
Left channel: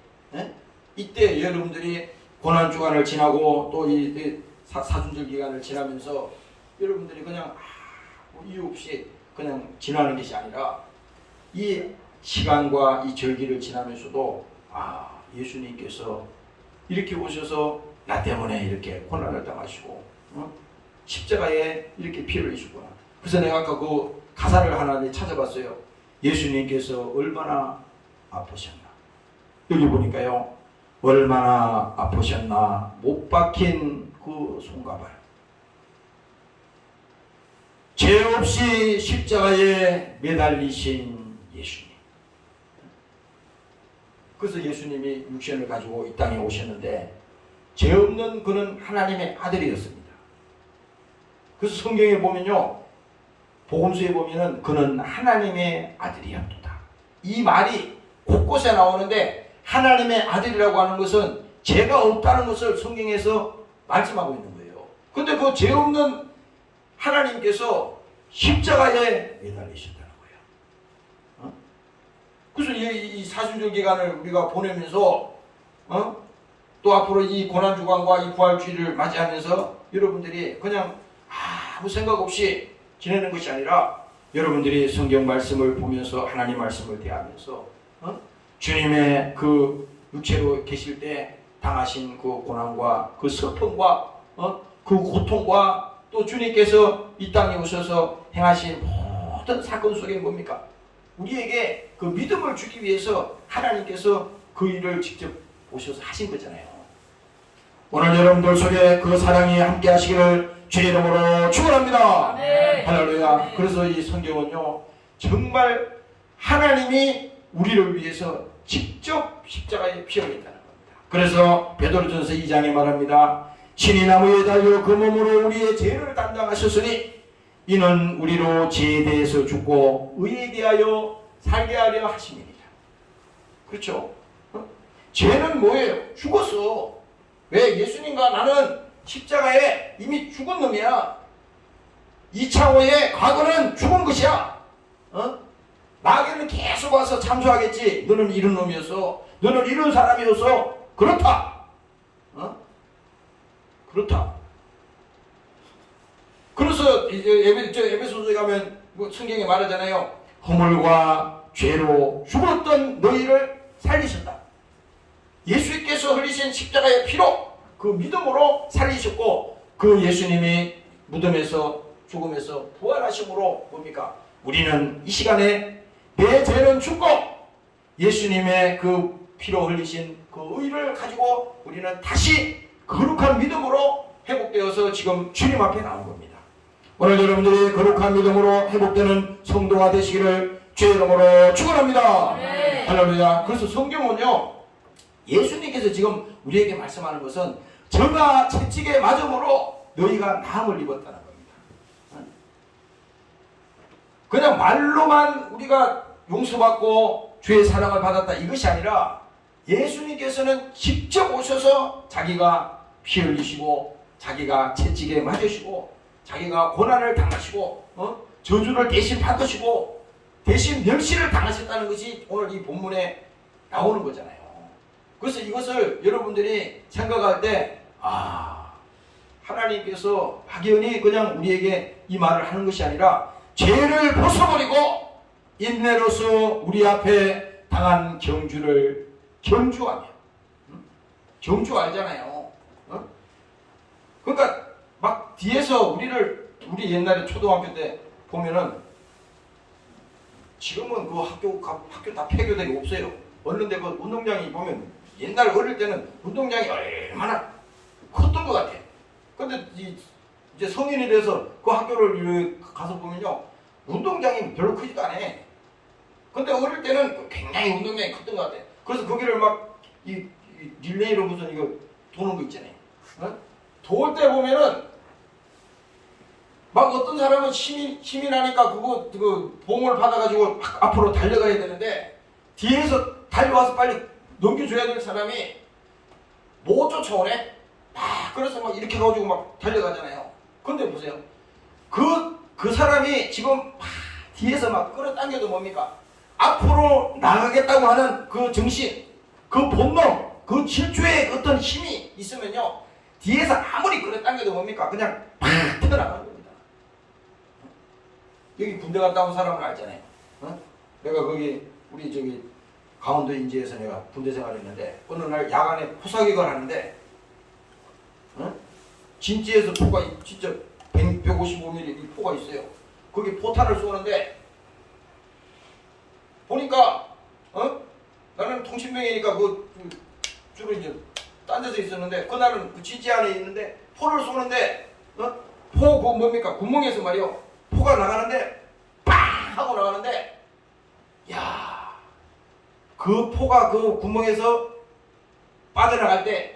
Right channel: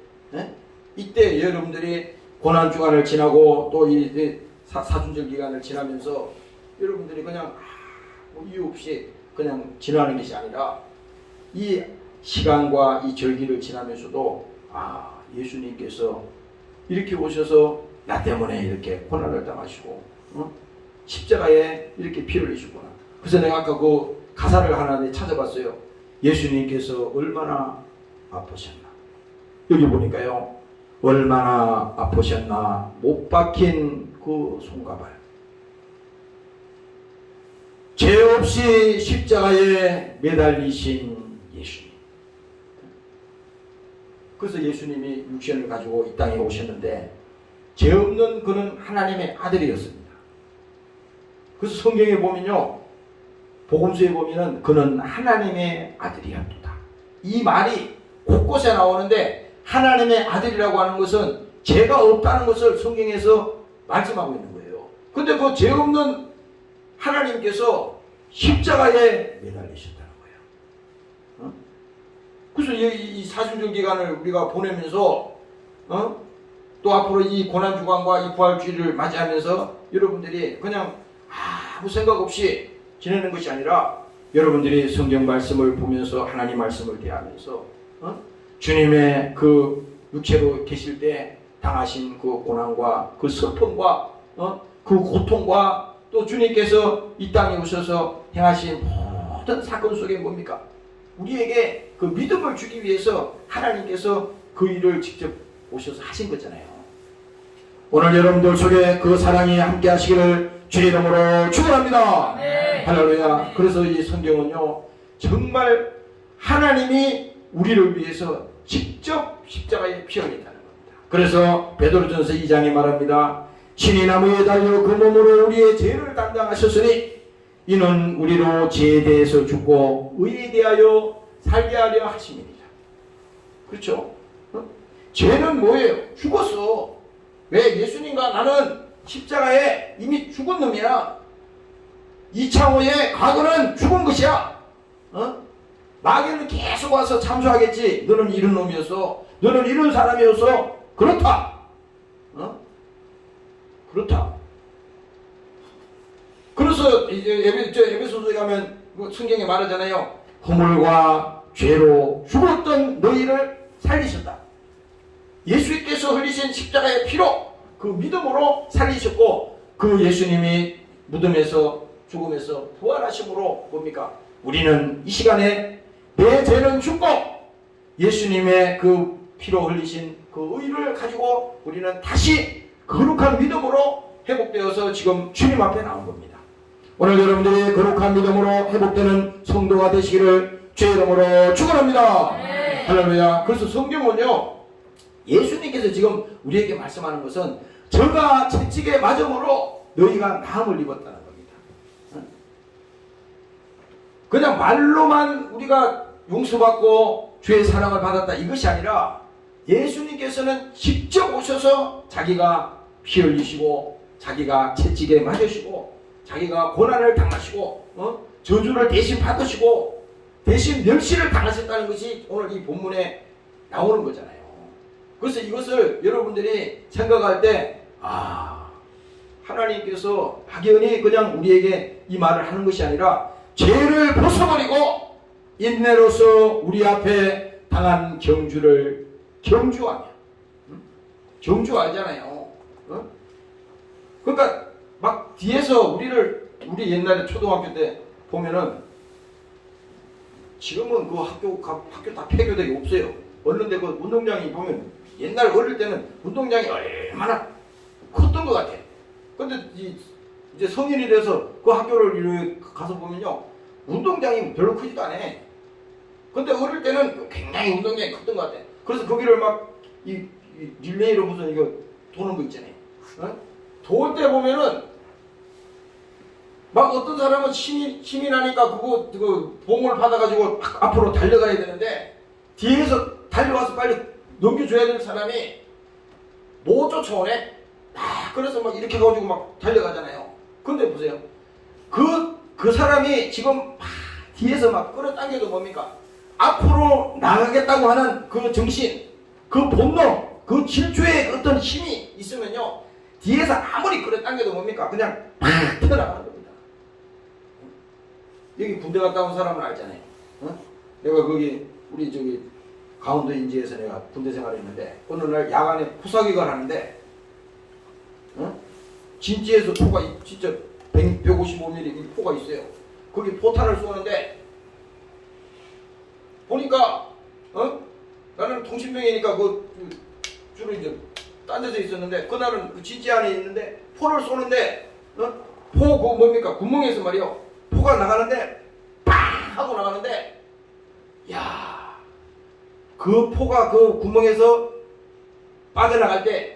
이때 여러분들이 고난주간을 지나고 또 이 사순절 기간을 지나면서 여러분들이 그냥 이유 없이 그냥 지나는 것이 아니라 이 시간과 이 절기를 지나면서도 예수님께서 이렇게 오셔서 나 때문에 이렇게 고난을 당하시고 십자가에 이렇게 피 흘리시구나. 그래서 내가 아까 그 가사를 하나 찾아봤어요. 예수님께서 얼마나 아프셨나. 여기 보니까요, 얼마나 아프셨나. 못 박힌 그 손가발, 죄 없이 십자가에 매달리신 예수님. 그래서 예수님이 육신을 가지고 이 땅에 오셨는데 죄 없는 그는 하나님의 아들이었습니다. 그래서 성경에 보면요, 복음서에 보면은 그는 하나님의 아들이었다. 이 말이 곳곳에 나오는데 하나님의 아들이라고 하는 것은 죄가 없다는 것을 성경에서 말씀하고 있는 거예요. 근데 그 죄 없는 하나님께서 십자가에 매달리셨다는 거예요. 그래서 이 사순절 기간을 우리가 보내면서 또 앞으로 이 고난주간과 이 부활주일을 맞이하면서 여러분들이 그냥 아무 생각 없이 지내는 것이 아니라 여러분들이 성경 말씀을 보면서 하나님 말씀을 대하면서 주님의 그 육체로 계실 때 당하신 그 고난과 그 슬픔과 그 고통과 또 주님께서 이 땅에 오셔서 행하신 모든 사건 속에 뭡니까? 우리에게 그 믿음을 주기 위해서 하나님께서 그 일을 직접 오셔서 하신 거잖아요. 오늘 여러분들 속에 그 사랑이 함께 하시기를 주의 이름으로 축원합니다. 네. 할렐루야. 그래서 이 성경은요, 정말 하나님이 우리를 위해서 직접 십자가에 피 흘렸다는 겁니다. 그래서 베드로전서 2장에 말합니다. 신이 나무에 달려 그 몸으로 우리의 죄를 담당하셨으니 이는 우리로 죄에 대해서 죽고 의에 대하여 살게 하려 하심이니라. 그렇죠? 죄는 뭐예요? 죽었어. 왜? 예수님과 나는 십자가에 이미 죽은 놈이야. 2차원의 과거는 죽은 것이야. 마귀는 계속 와서 참소하겠지. 너는 이런 놈이었어. 너는 이런 사람이었어. 그렇다. 그렇다. 그래서 이제 에베소서에 가면 성경에 말하잖아요. 허물과 죄로 죽었던 너희를 살리셨다. 예수께서 흘리신 십자가의 피로 그 믿음으로 살리셨고, 그 예수님이 무덤에서 죽음에서 부활하심으로 뭡니까? 우리는 이 시간에 내 죄는 죽고 예수님의 그 피로 흘리신 그 의를 가지고 우리는 다시 거룩한 믿음으로 회복되어서 지금 주님 앞에 나온 겁니다. 오늘 여러분들이 거룩한 믿음으로 회복되는 성도가 되시기를 주의 이름으로 축원합니다. 네. 할렐루야. 그래서 성경은요, 예수님께서 지금 우리에게 말씀하는 것은 저가 채찍에 맞음으로 너희가 나음을 입었다는 겁니다. 그냥 말로만 우리가 용서받고 주의 사랑을 받았다 이것이 아니라 예수님께서는 직접 오셔서 자기가 피 흘리시고 자기가 채찍에 맞으시고 자기가 고난을 당하시고 저주를 대신 받으시고 대신 멸시를 당하셨다는 것이 오늘 이 본문에 나오는 거잖아요. 그래서 이것을 여러분들이 생각할 때 하나님께서 막연히 그냥 우리에게 이 말을 하는 것이 아니라 죄를 벗어버리고 인내로서 우리 앞에 당한 경주를 경주하며, 경주 알잖아요. 그러니까 막 뒤에서 우리 옛날에 초등학교 때 보면은, 지금은 그 학교 다 폐교되고 없어요. 어느데 그 운동장이 보면 옛날 어릴 때는 운동장이 얼마나 컸던 것 같아. 근데 이제 성인이 돼서 그 학교를 가서 보면요, 운동장이 별로 크지도 않아. 근데 어릴 때는 굉장히 운동장이 컸던 것 같아. 그래서 거기를 막 이 릴레이로 무슨 이거 도는 거 있잖아요. 도울 때 보면은 막 어떤 사람은 힘이 나니까 그 봉을 받아가지고 앞으로 달려가야 되는데 뒤에서 달려와서 빨리 넘겨줘야 될 사람이 못 쫓아오네. 그래서 막 이렇게 가지고 막 달려가잖아요. 근데 보세요. 그 사람이 지금 뒤에서 막 끌어당겨도 뭡니까? 앞으로 나가겠다고 하는 그 정신, 그 본능, 그 질주의 어떤 힘이 있으면요, 뒤에서 아무리 끌어당겨도 뭡니까? 그냥 팍 튀어나가는 겁니다. 여기 군대 갔다 온 사람은 알잖아요. 내가 거기 우리 저기 강원도 인제에서 내가 군대 생활했는데 어느 날 야간에 포사기관 하는데 진지에서 포가 진짜 155mm 포가 있어요. 거기 포탄을 쏘는데 보니까 나는 통신병이니까 그 주로 이제 딴 데서 있었는데 그날은 그 진지 안에 있는데 포를 쏘는데 포 그 뭡니까 구멍에서 말이요 포가 나가는데 빵 하고 나가는데 야 그 포가 그 구멍에서 빠져나갈 때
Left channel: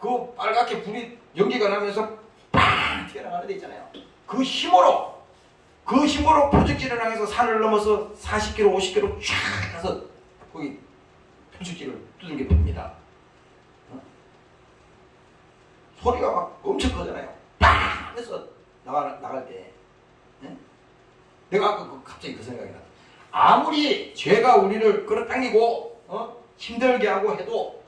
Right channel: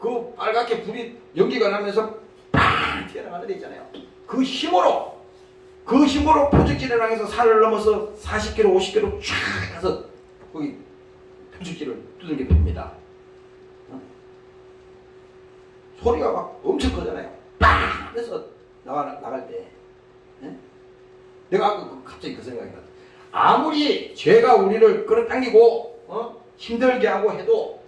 그 빨갛게 불이 연기가 나면서 빵 튀어나가는 데 있잖아요. 그 힘으로 표적지를 향해서 산을 넘어서 40km, 50km 쫙 가서 거기 표적지를 두들겨 팹니다. 소리가 막 엄청 크잖아요. 빵! 해서 나갈 때. 내가 아까 갑자기 그 생각이 났다. 아무리 죄가 우리를 끌어당기고 힘들게 하고 해도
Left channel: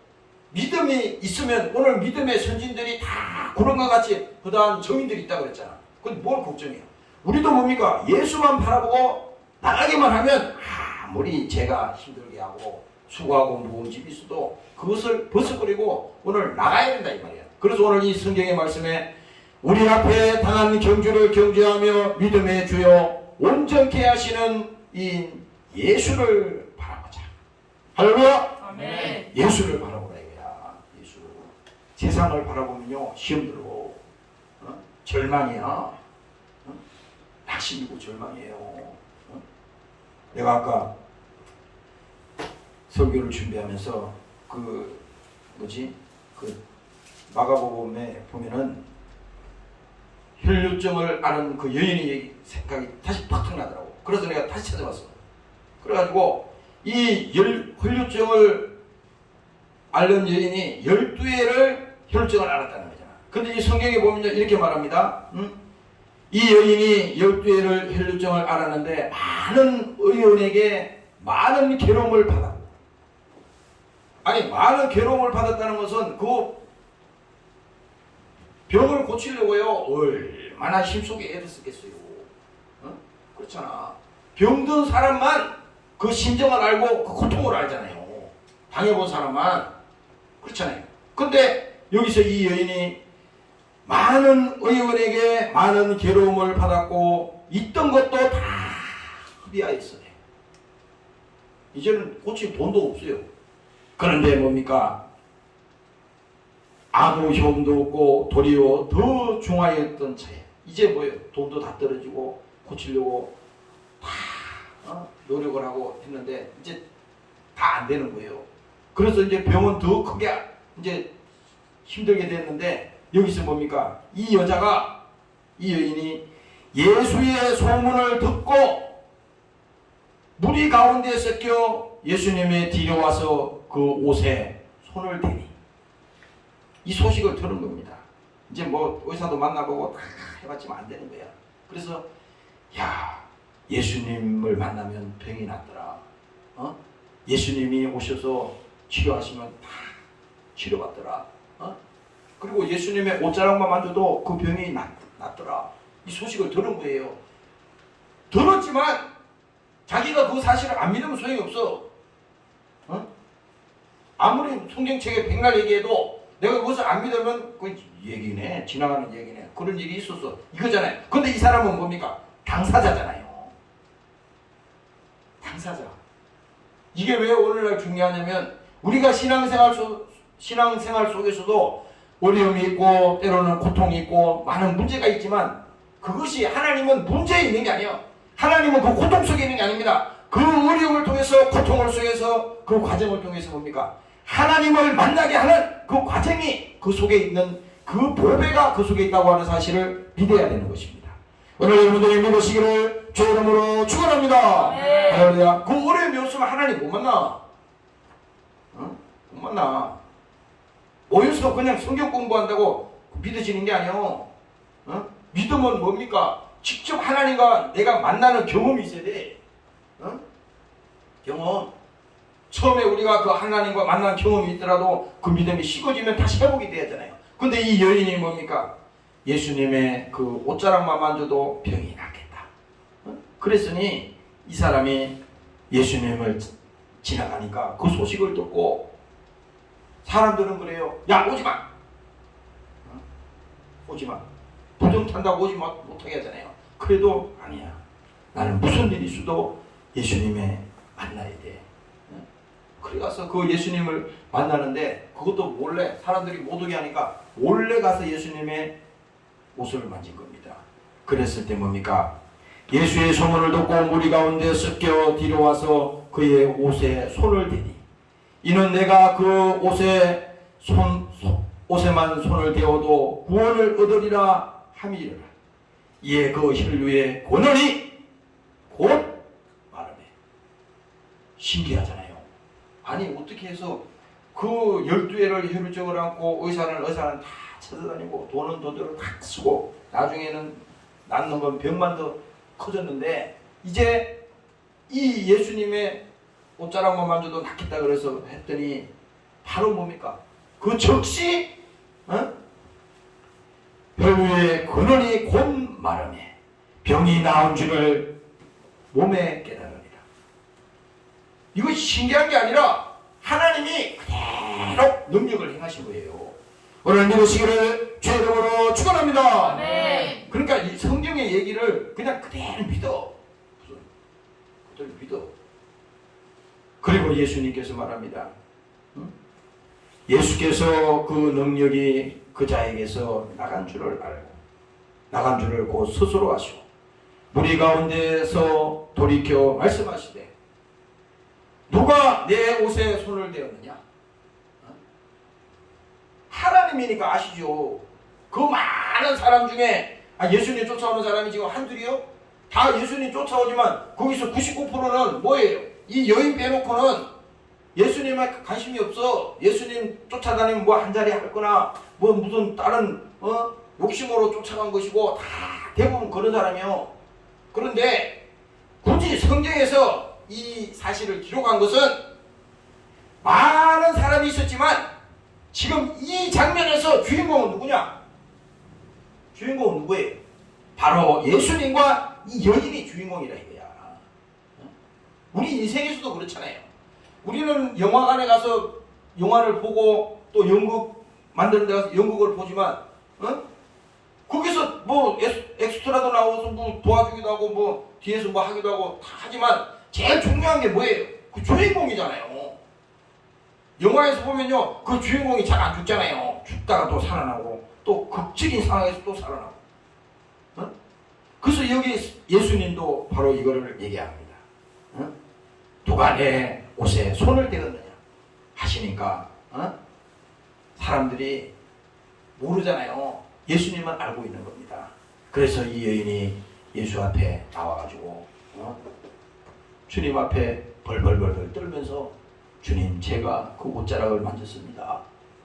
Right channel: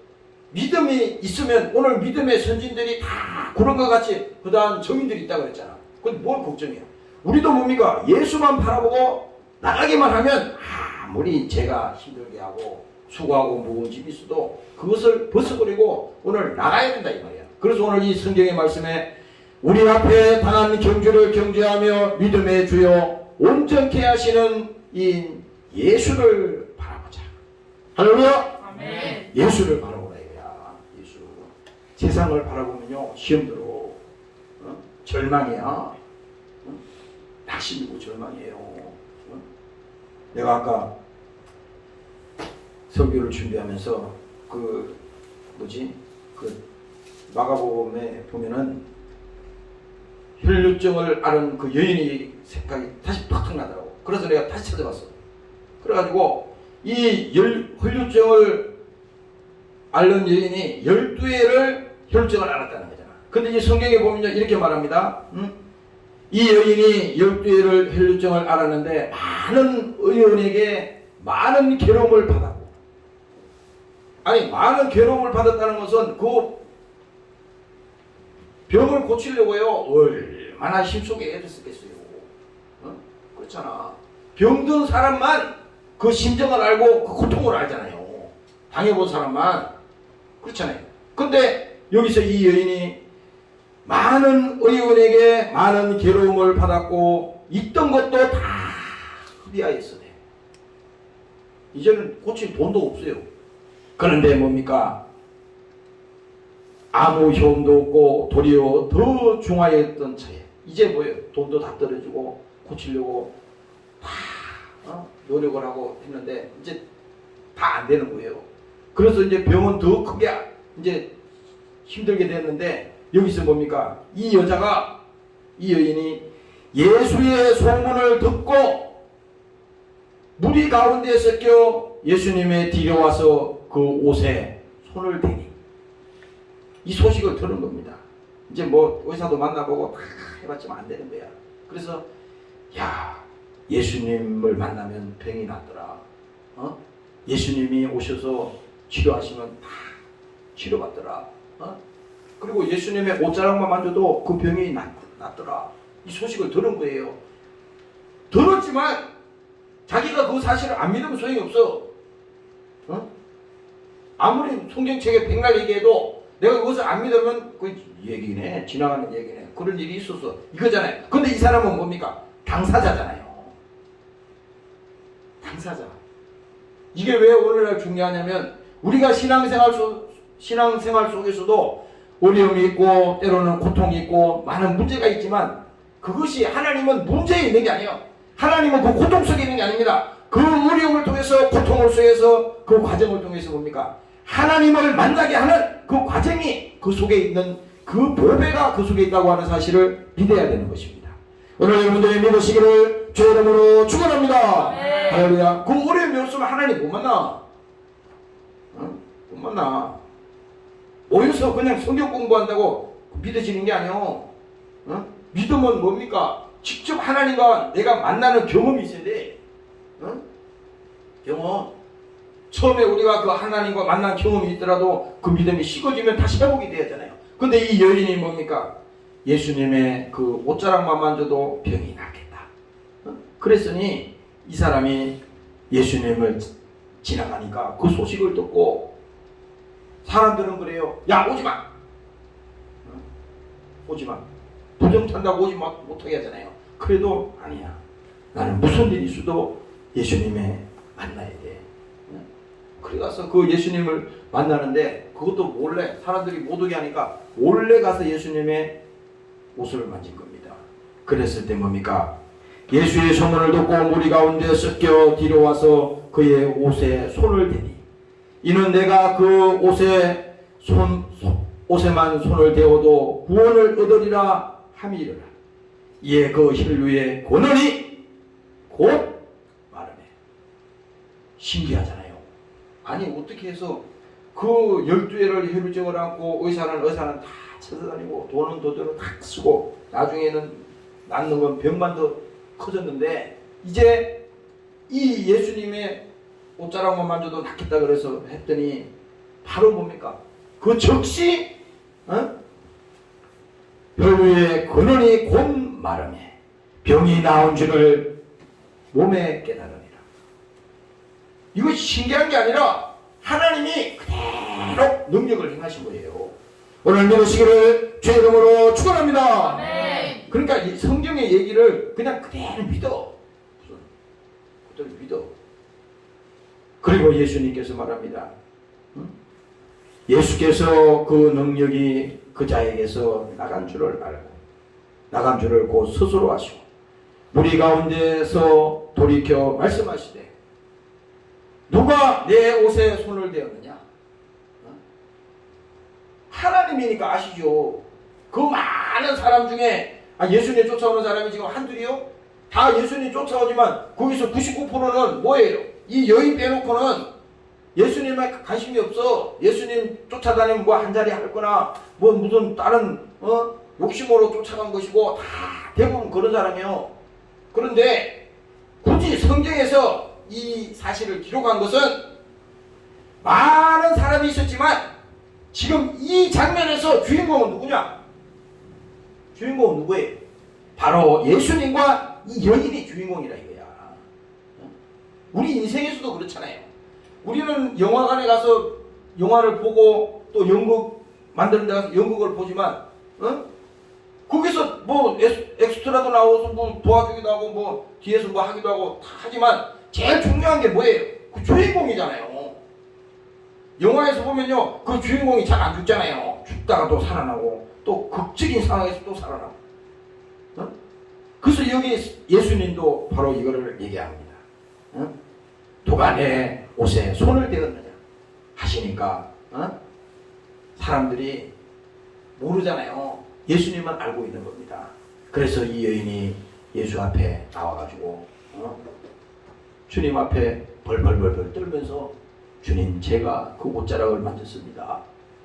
믿음이 있으면 오늘 믿음의 선진들이 다 그런 것 같이 그다음 정인들이 있다고 그랬잖아. 근데 뭘 걱정해요? 우리도 뭡니까? 예수만 바라보고 나가기만 하면 아무리 죄가 힘들게 하고 수고하고 무거운 집이 있어도 그것을 벗어버리고 오늘 나가야 된다 이 말이야. 그래서 오늘 이 성경의 말씀에 우리 앞에 당한 경주를 경주하며 믿음의 주요 온전케 하시는 이 예수를 바라보자. 할렐루야. 아멘. 예수를 바라보라 이거야. 예수. 세상을 바라보면요 시험 들어. 절망이야. 낙심이고 절망이에요. 내가 아까 설교를 준비하면서 그 마가복음에 보면은 혈류증을 앓은 그 여인의 생각이 다시 팍 나더라고. 그래서 내가 다시 찾아봤어. 그래가지고 이 혈류증을 앓는 여인이 12회를 혈류증을 앓았다는 거잖아. 근데 이 성경에 보면 이렇게 말합니다. 이 여인이 12회를 혈루증을 앓았는데 많은 의원에게 많은 괴로움을 받았고, 아니 많은 괴로움을 받았다는 것은 그 병을 고치려고요 얼마나 힘쓰게 애썼겠어요. 그렇잖아. 병든 사람만 그 심정을 알고 그 고통을 알잖아요. 당해본 사람만. 그렇잖아요. 근데 여기서 이 여인이 많은 의원에게 많은 괴로움을 받았고 있던 것도 다 소비하였어요. 이제는 고칠 돈도 없어요. 그런데 뭡니까? 아무 효험도 없고 도리어 더 중하였던 차에 이제 뭐예요? 돈도 다 떨어지고 고치려고 다 노력을 하고 했는데 이제 다 안 되는 거예요. 그래서 이제 병은 더 크게 이제 힘들게 됐는데 여기서 뭡니까? 이 여인이 예수의 소문을 듣고 무리 가운데 섞여 예수님의 뒤로 와서 그 옷에 손을 대니 이 소식을 들은 겁니다. 이제 뭐 의사도 만나보고 다 해봤지만 안 되는 거야. 그래서 야, 예수님을 만나면 병이 낫더라. 예수님이 오셔서 치료하시면 다 치료받더라. 그리고 예수님의 옷자락만 만져도 그 병이 낫더라. 이 소식을 들은 거예요. 들었지만 자기가 그 사실을 안 믿으면 소용이 없어. 아무리 성경책에 백날 얘기해도 내가 그것을 안 믿으면 그 얘기네, 지나가는 얘기네. 그런 일이 있었어. 이거잖아요. 근데 이 사람은 뭡니까? 당사자잖아요. 당사자. 이게 왜 오늘날 중요하냐면 우리가 신앙생활 속에서도 어려움이 있고 때로는 고통이 있고 많은 문제가 있지만 그것이 하나님은 문제에 있는 게 아니에요. 하나님은 그 고통 속에 있는 게 아닙니다. 그 어려움을 통해서 고통을 통해서 그 과정을 통해서 뭡니까? 하나님을 만나게 하는 그 과정이 그 속에 있는 그 보배가 그 속에 있다고 하는 사실을 믿어야 되는 것입니다. 오늘 여러분들이 믿으시기를 주의 이름으로 축원합니다. 네. 할렐루야. 그 어려움이 없으면 하나님 못 만나. 못 만나. 모여서 그냥 성경 공부한다고 믿어지는 게 아니요. 믿음은 뭡니까? 직접 하나님과 내가 만나는 경험이 있어야 돼. 경험. 처음에 우리가 그 하나님과 만난 경험이 있더라도 그 믿음이 식어지면 다시 회복이 돼야잖아요. 근데 이 여인이 뭡니까? 예수님의 그 옷자락만 만져도 병이 낫겠다. 그랬으니 이 사람이 예수님을 지나가니까 그 소식을 듣고 사람들은 그래요. 야, 오지 마. 오지 마. 부정 탄다고 오지 못하게 하잖아요. 그래도 아니야. 나는 무슨 일이 있어도 예수님의 만나야 돼. 그래 가서 그 예수님을 만나는데 그것도 몰래 사람들이 못 오게 하니까 몰래 가서 예수님의 옷을 만진 겁니다. 그랬을 때 뭡니까? 예수의 소문을 듣고 무리 가운데 섞여 뒤로 와서 그의 옷에 손을 대니 이는 내가 그 옷에만 손을 대어도 구원을 얻으리라 함이리라. 이에 그 혈류의 권능이 곧 마르네. 신기하잖아요. 아니 어떻게 해서 그 12회를 혈루증을 안고 의사는 다 찾아다니고 돈은 돈대로 다 쓰고 나중에는 낫는 건 병만 더 커졌는데 이제 이 예수님의 옷자락만 만져도 낫겠다 그래서 했더니 바로 뭡니까? 그 즉시 혈류의 근원이 곧 마르매 병이 나온 줄을 몸에 깨달으니라. 이거 신기한 게 아니라 하나님이 그대로 능력을 행하신 거예요. 오늘 믿으시기를 주의 이름으로 축원합니다. 네. 그러니까 이 성경의 얘기를 그냥 그대로 믿어. 그대로 믿어. 그리고 예수님께서 말합니다. 예수께서 그 능력이 그 자에게서 나간 줄을 알고 나간 줄을 곧 스스로 아시고 무리 가운데서 돌이켜 말씀하시되 누가 내 옷에 손을 대었느냐? 하나님이니까 아시죠. 그 많은 사람 중에 예수님 쫓아오는 사람이 지금 한둘이요? 다 예수님 쫓아오지만 거기서 99%는 뭐예요? 이 여인 빼놓고는 예수님에 관심이 없어. 예수님 쫓아다니면 뭐 한 자리 할 거나 뭐 무슨 다른 욕심으로 쫓아간 것이고 다 대부분 그런 사람이요. 그런데 굳이 성경에서 이 사실을 기록한 것은 많은 사람이 있었지만 지금 이 장면에서 주인공은 누구냐? 주인공은 누구예요? 바로 예수님과 이 여인이 주인공이라 이거야. 우리 인생에서도 그렇잖아요. 우리는 영화관에 가서 영화를 보고 또 연극 만드는 데 가서 연극을 보지만 거기서 뭐 엑스트라도 나오고 뭐 도와주기도 하고 뭐 뒤에서 뭐 하기도 하고 다 하지만 제일 중요한 게 뭐예요? 그 주인공이잖아요. 영화에서 보면요 그 주인공이 잘 안 죽잖아요. 죽다가 또 살아나고 또 극적인 상황에서 또 살아나고. 그래서 여기 예수님도 바로 이거를 얘기합니다. 누가 내 옷에 손을 대었느냐 하시니까 사람들이 모르잖아요. 예수님만 알고 있는 겁니다. 그래서 이 여인이 예수 앞에 나와가지고 주님 앞에 벌벌벌벌 떨면서 주님 제가 그 옷자락을 만졌습니다.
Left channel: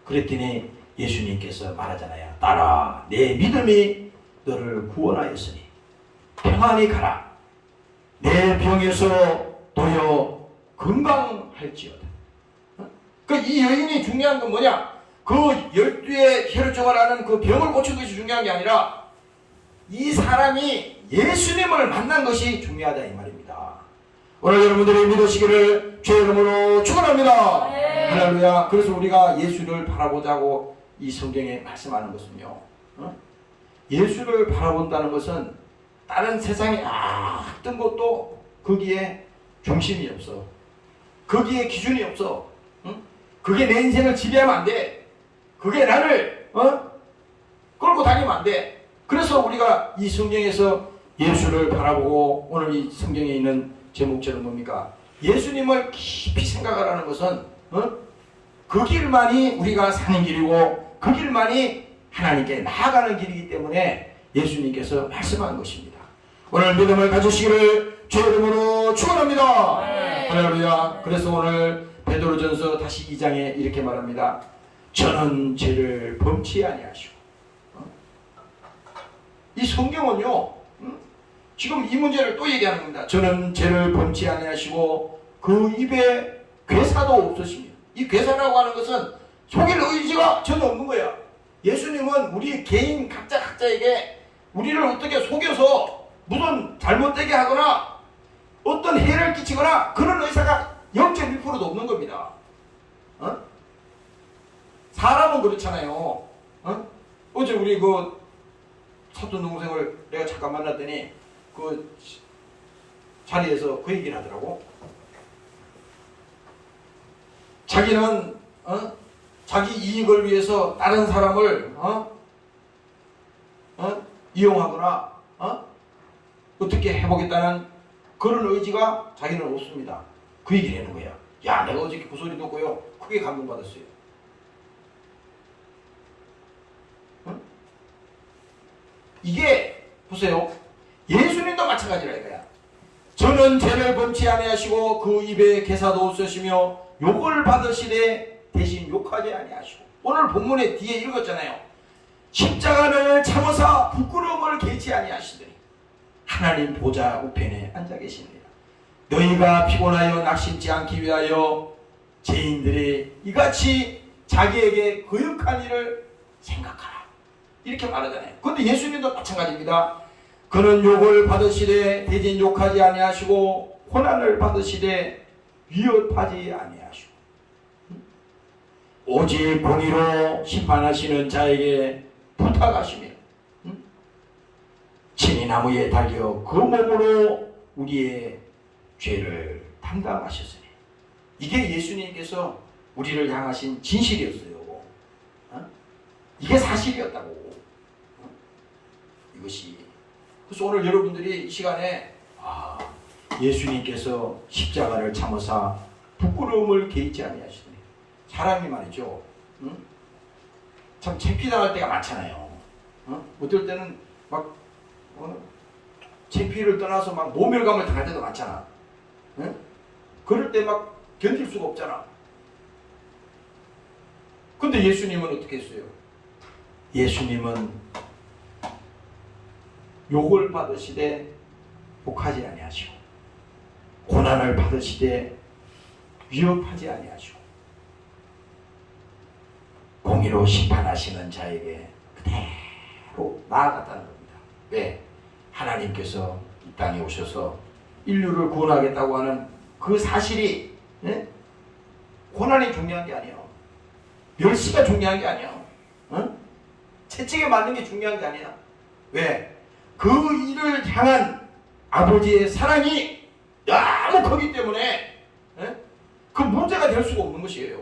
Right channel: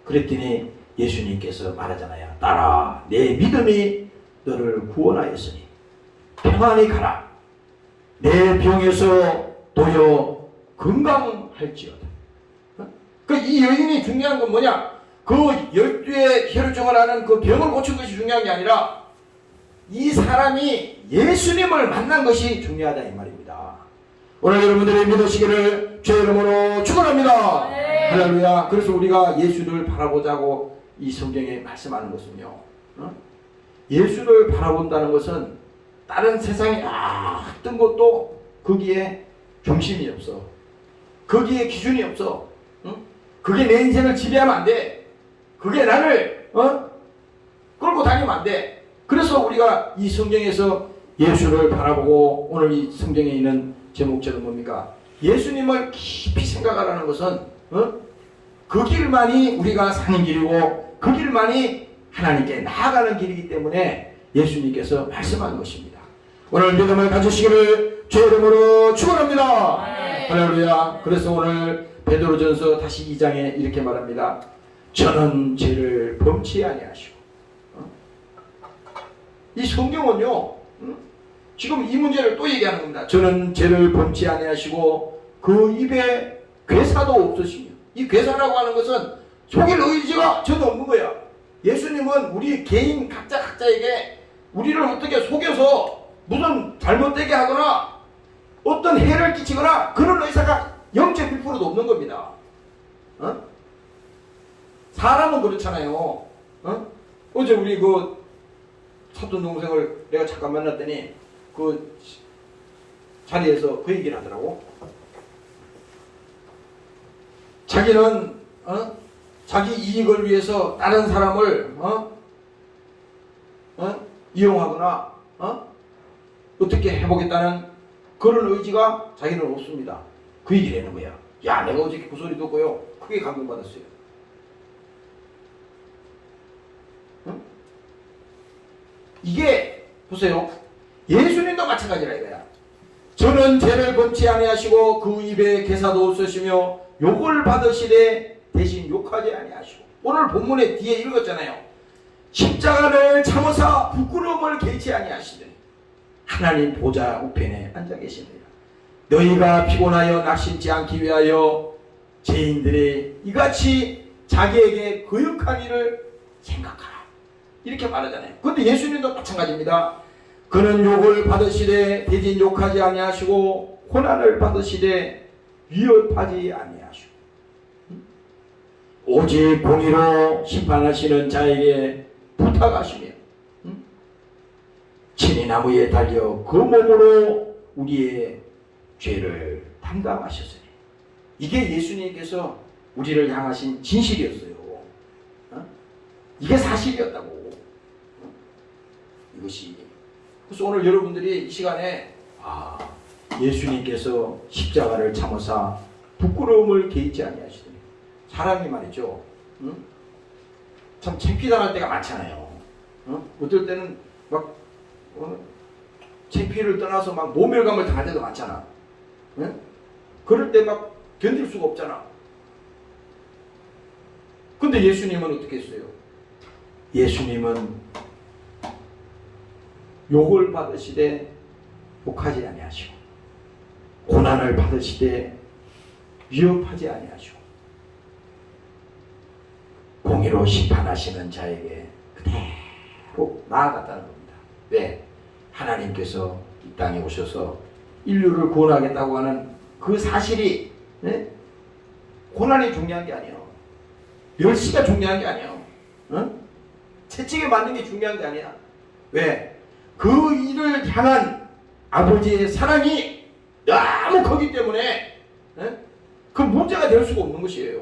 그랬더니 예수님께서 말하잖아요. 딸아 내 믿음이 너를 구원하였으니 평안히 가라. 내 병에서 도여 건강할지어다. 이 여인이 중요한 건 뭐냐? 그 12의 혈증을 하는 그 병을 고친 것이 중요한 게 아니라 이 사람이 예수님을 만난 것이 중요하다 이 말입니다. 오늘 여러분들이 믿으시기를 주의 이름으로 축원합니다. 네. 할렐루야. 그래서 우리가 예수를 바라보자고 이 성경에 말씀하는 것은요. 예수를 바라본다는 것은 다른 세상의 어떤 것도 거기에 중심이 없어. 거기에 기준이 없어. 그게 내 인생을 지배하면 안 돼. 그게 나를 끌고 다니면 안 돼. 그래서 우리가 이 성경에서 예수를 바라보고 오늘 이 성경에 있는 제목처럼 뭡니까? 예수님을 깊이 생각하라는 것은 그 길만이 우리가 사는 길이고 그 길만이 하나님께 나아가는 길이기 때문에 예수님께서 말씀한 것입니다. 오늘 믿음을 가지시기를 주의 이름으로 축원합니다. 네. 할렐루야. 그래서 오늘 베드로전서 다시 2장에 이렇게 말합니다. 저는 죄를 범치 아니하시고 이 성경은요 지금 이 문제를 또 얘기하는 겁니다. 저는 죄를 범치 아니하시고 그 입에 괴사도 없으시며 이 괴사라고 하는 것은 속일 의지가 전혀 없는 거야. 예수님은 우리 개인 각자에게 우리를 어떻게 속여서 무슨 잘못되게 하거나 어떤 해를 끼치거나 그런 의사가 0.1%도 없는 겁니다. 사람은 그렇잖아요. 어제 우리 그 사돈 동생을 내가 잠깐 만났더니 그 자리에서 그 얘기를 하더라고. 자기는 자기 이익을 위해서 다른 사람을 이용하거나 어떻게 해보겠다는 그런 의지가 자기는 없습니다. 그 얘기를 하는 거야. 야, 내가 어저께 그 소리 듣고요 크게 감동받았어요. 이게 보세요. 예수님도 마찬가지라 이거야. 저는 죄를 범치 아니하시고 그 입에 괴사도 없으시며 욕을 받으시되 대신 욕하지 아니하시고 오늘 본문에 뒤에 읽었잖아요. 십자가를 참으사 부끄러움을 개치 아니하시더니 하나님 보좌 우편에 앉아 계십니다. 너희가 피곤하여 낙심치 않기 위하여 죄인들이 이같이 자기에게 거역한 일을 생각하라. 이렇게 말하잖아요. 그런데 예수님도 마찬가지입니다. 그는 욕을 받으시되 대신 욕하지 아니하시고 고난을 받으시되 위협하지 아니하시고 오직 공의로 심판하시는 자에게 부탁하시며 친히 나무에 달려 그 몸으로 우리의 죄를 담당하셨으니 이게 예수님께서 우리를 향하신 진실이었어요. 이게 사실이었다고. 이것이. 그래서 오늘 여러분들이 이 시간에 예수님께서 십자가를 참으사 부끄러움을 개의치 아니하시더니 사람이 말이죠. 참 창피당할 때가 많잖아요. 어떨 때는 막 창피를 떠나서 막 모멸감을 당할 때도 많잖아. 그럴 때 막 견딜 수가 없잖아. 근데 예수님은 어떻게 했어요? 예수님은 욕을 받으시되 욕하지 아니하시고 고난을 받으시되 위협하지 아니하시고 공의로 심판하시는 자에게 그대로 나아갔다는 겁니다. 왜? 하나님께서 이 땅에 오셔서 인류를 구원하겠다고 하는 그 사실이 고난이 중요한 게 아니에요. 멸시가 중요한 게 아니에요. 채찍에 맞는 게 중요한 게 아니야. 왜? 그 일을 향한 아버지의 사랑이 너무 크기 때문에 그 문제가 될 수가 없는 것이에요.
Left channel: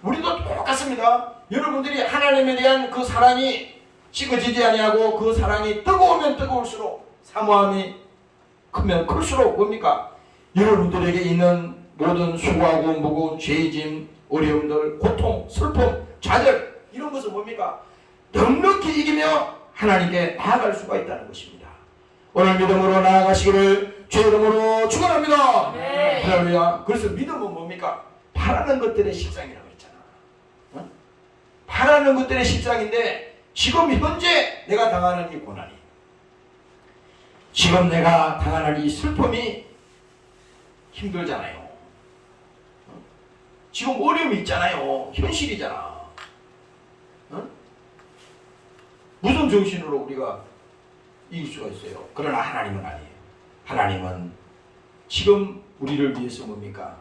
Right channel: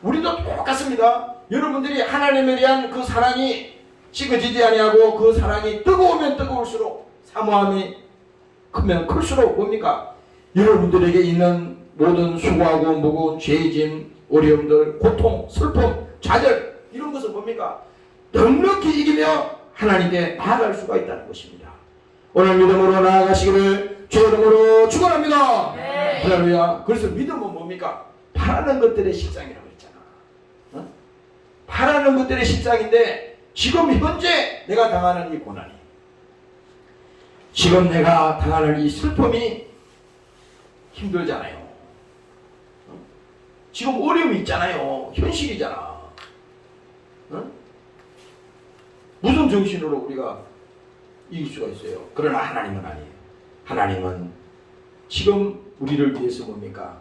우리도 똑같습니다. 여러분들이 하나님에 대한 그 사랑이 식어지지 아니하고 그 사랑이 뜨거우면 뜨거울수록 사모함이 크면 클수록 뭡니까? 여러분들에게 있는 모든 수고하고 무거운 죄짐, 어려움들, 고통, 슬픔, 좌절 이런 것은 뭡니까? 넉넉히 이기며 하나님께 나아갈 수가 있다는 것입니다. 오늘 믿음으로 나아가시기를 주의 이름으로 축원합니다. 네. 할렐루야. 그래서 믿음은 뭡니까? 바라는 것들의 실상이라고 했잖아. 바라는 것들의 실상인데 지금 현재 내가 당하는 이 고난이, 지금 내가 당하는 이 슬픔이 힘들잖아요. 지금 어려움이 있잖아요. 현실이잖아. 무슨 정신으로 우리가 이길 수가 있어요? 그러나 하나님은 아니에요. 하나님은 지금 우리를 위해서 뭡니까?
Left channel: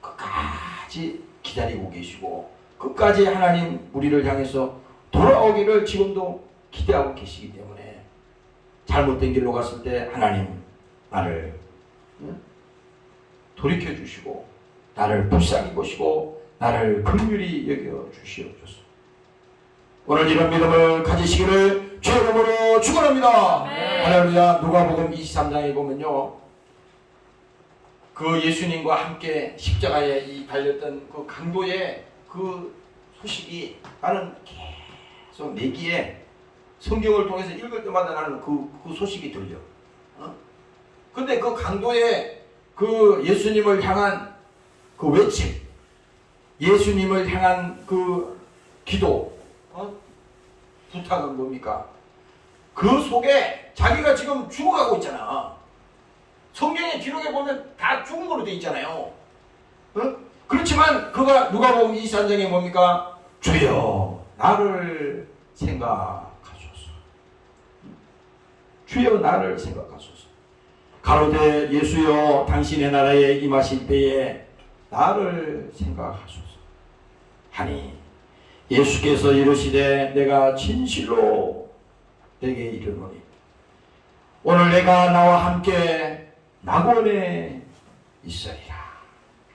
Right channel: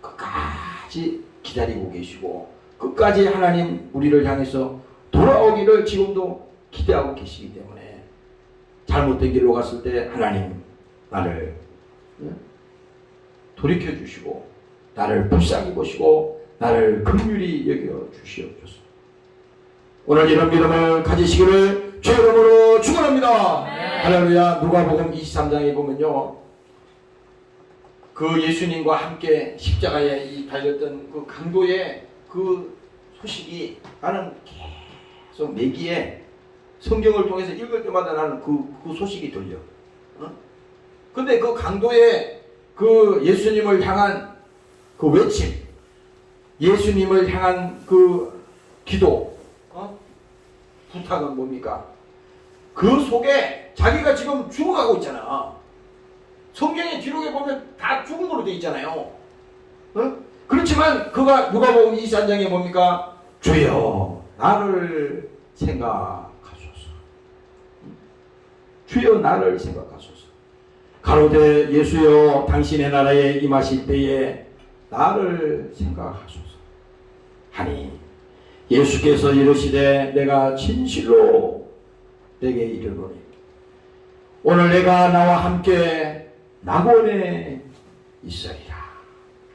끝까지 기다리고 계시고 끝까지 하나님 우리를 향해서 돌아오기를 지금도 기대하고 계시기 때문에 잘못된 길로 갔을 때 하나님 나를 돌이켜 주시고 나를 불쌍히 보시고 나를 긍휼히 여겨 주시옵소서. 오늘 이런 믿음을 가지시기를 주의 이름으로 축원합니다. 할렐루야. 누가복음 23장에 보면요, 그 예수님과 함께 십자가에 이 달렸던 그 강도의 그 소식이 나는 계속 내 귀에 성경을 통해서 읽을 때마다 나는 그 소식이 들려. 근데 그 강도의 그 예수님을 향한 그 외침, 예수님을 향한 그 기도, 부탁은 뭡니까? 그 속에 자기가 지금 죽어가고 있잖아. 성경의 기록에 보면 다 죽은 걸로 돼 있잖아요. 그렇지만 그가 누가복음 23장에 뭡니까? 주여 나를 생각하소서. 주여 나를 생각하소서. 가로되 예수여 당신의 나라에 임하실 때에 나를 생각하소서 하니 예수께서 이르시되 내가 진실로 내게 이르노니 오늘 내가 나와 함께 낙원에 있으리라.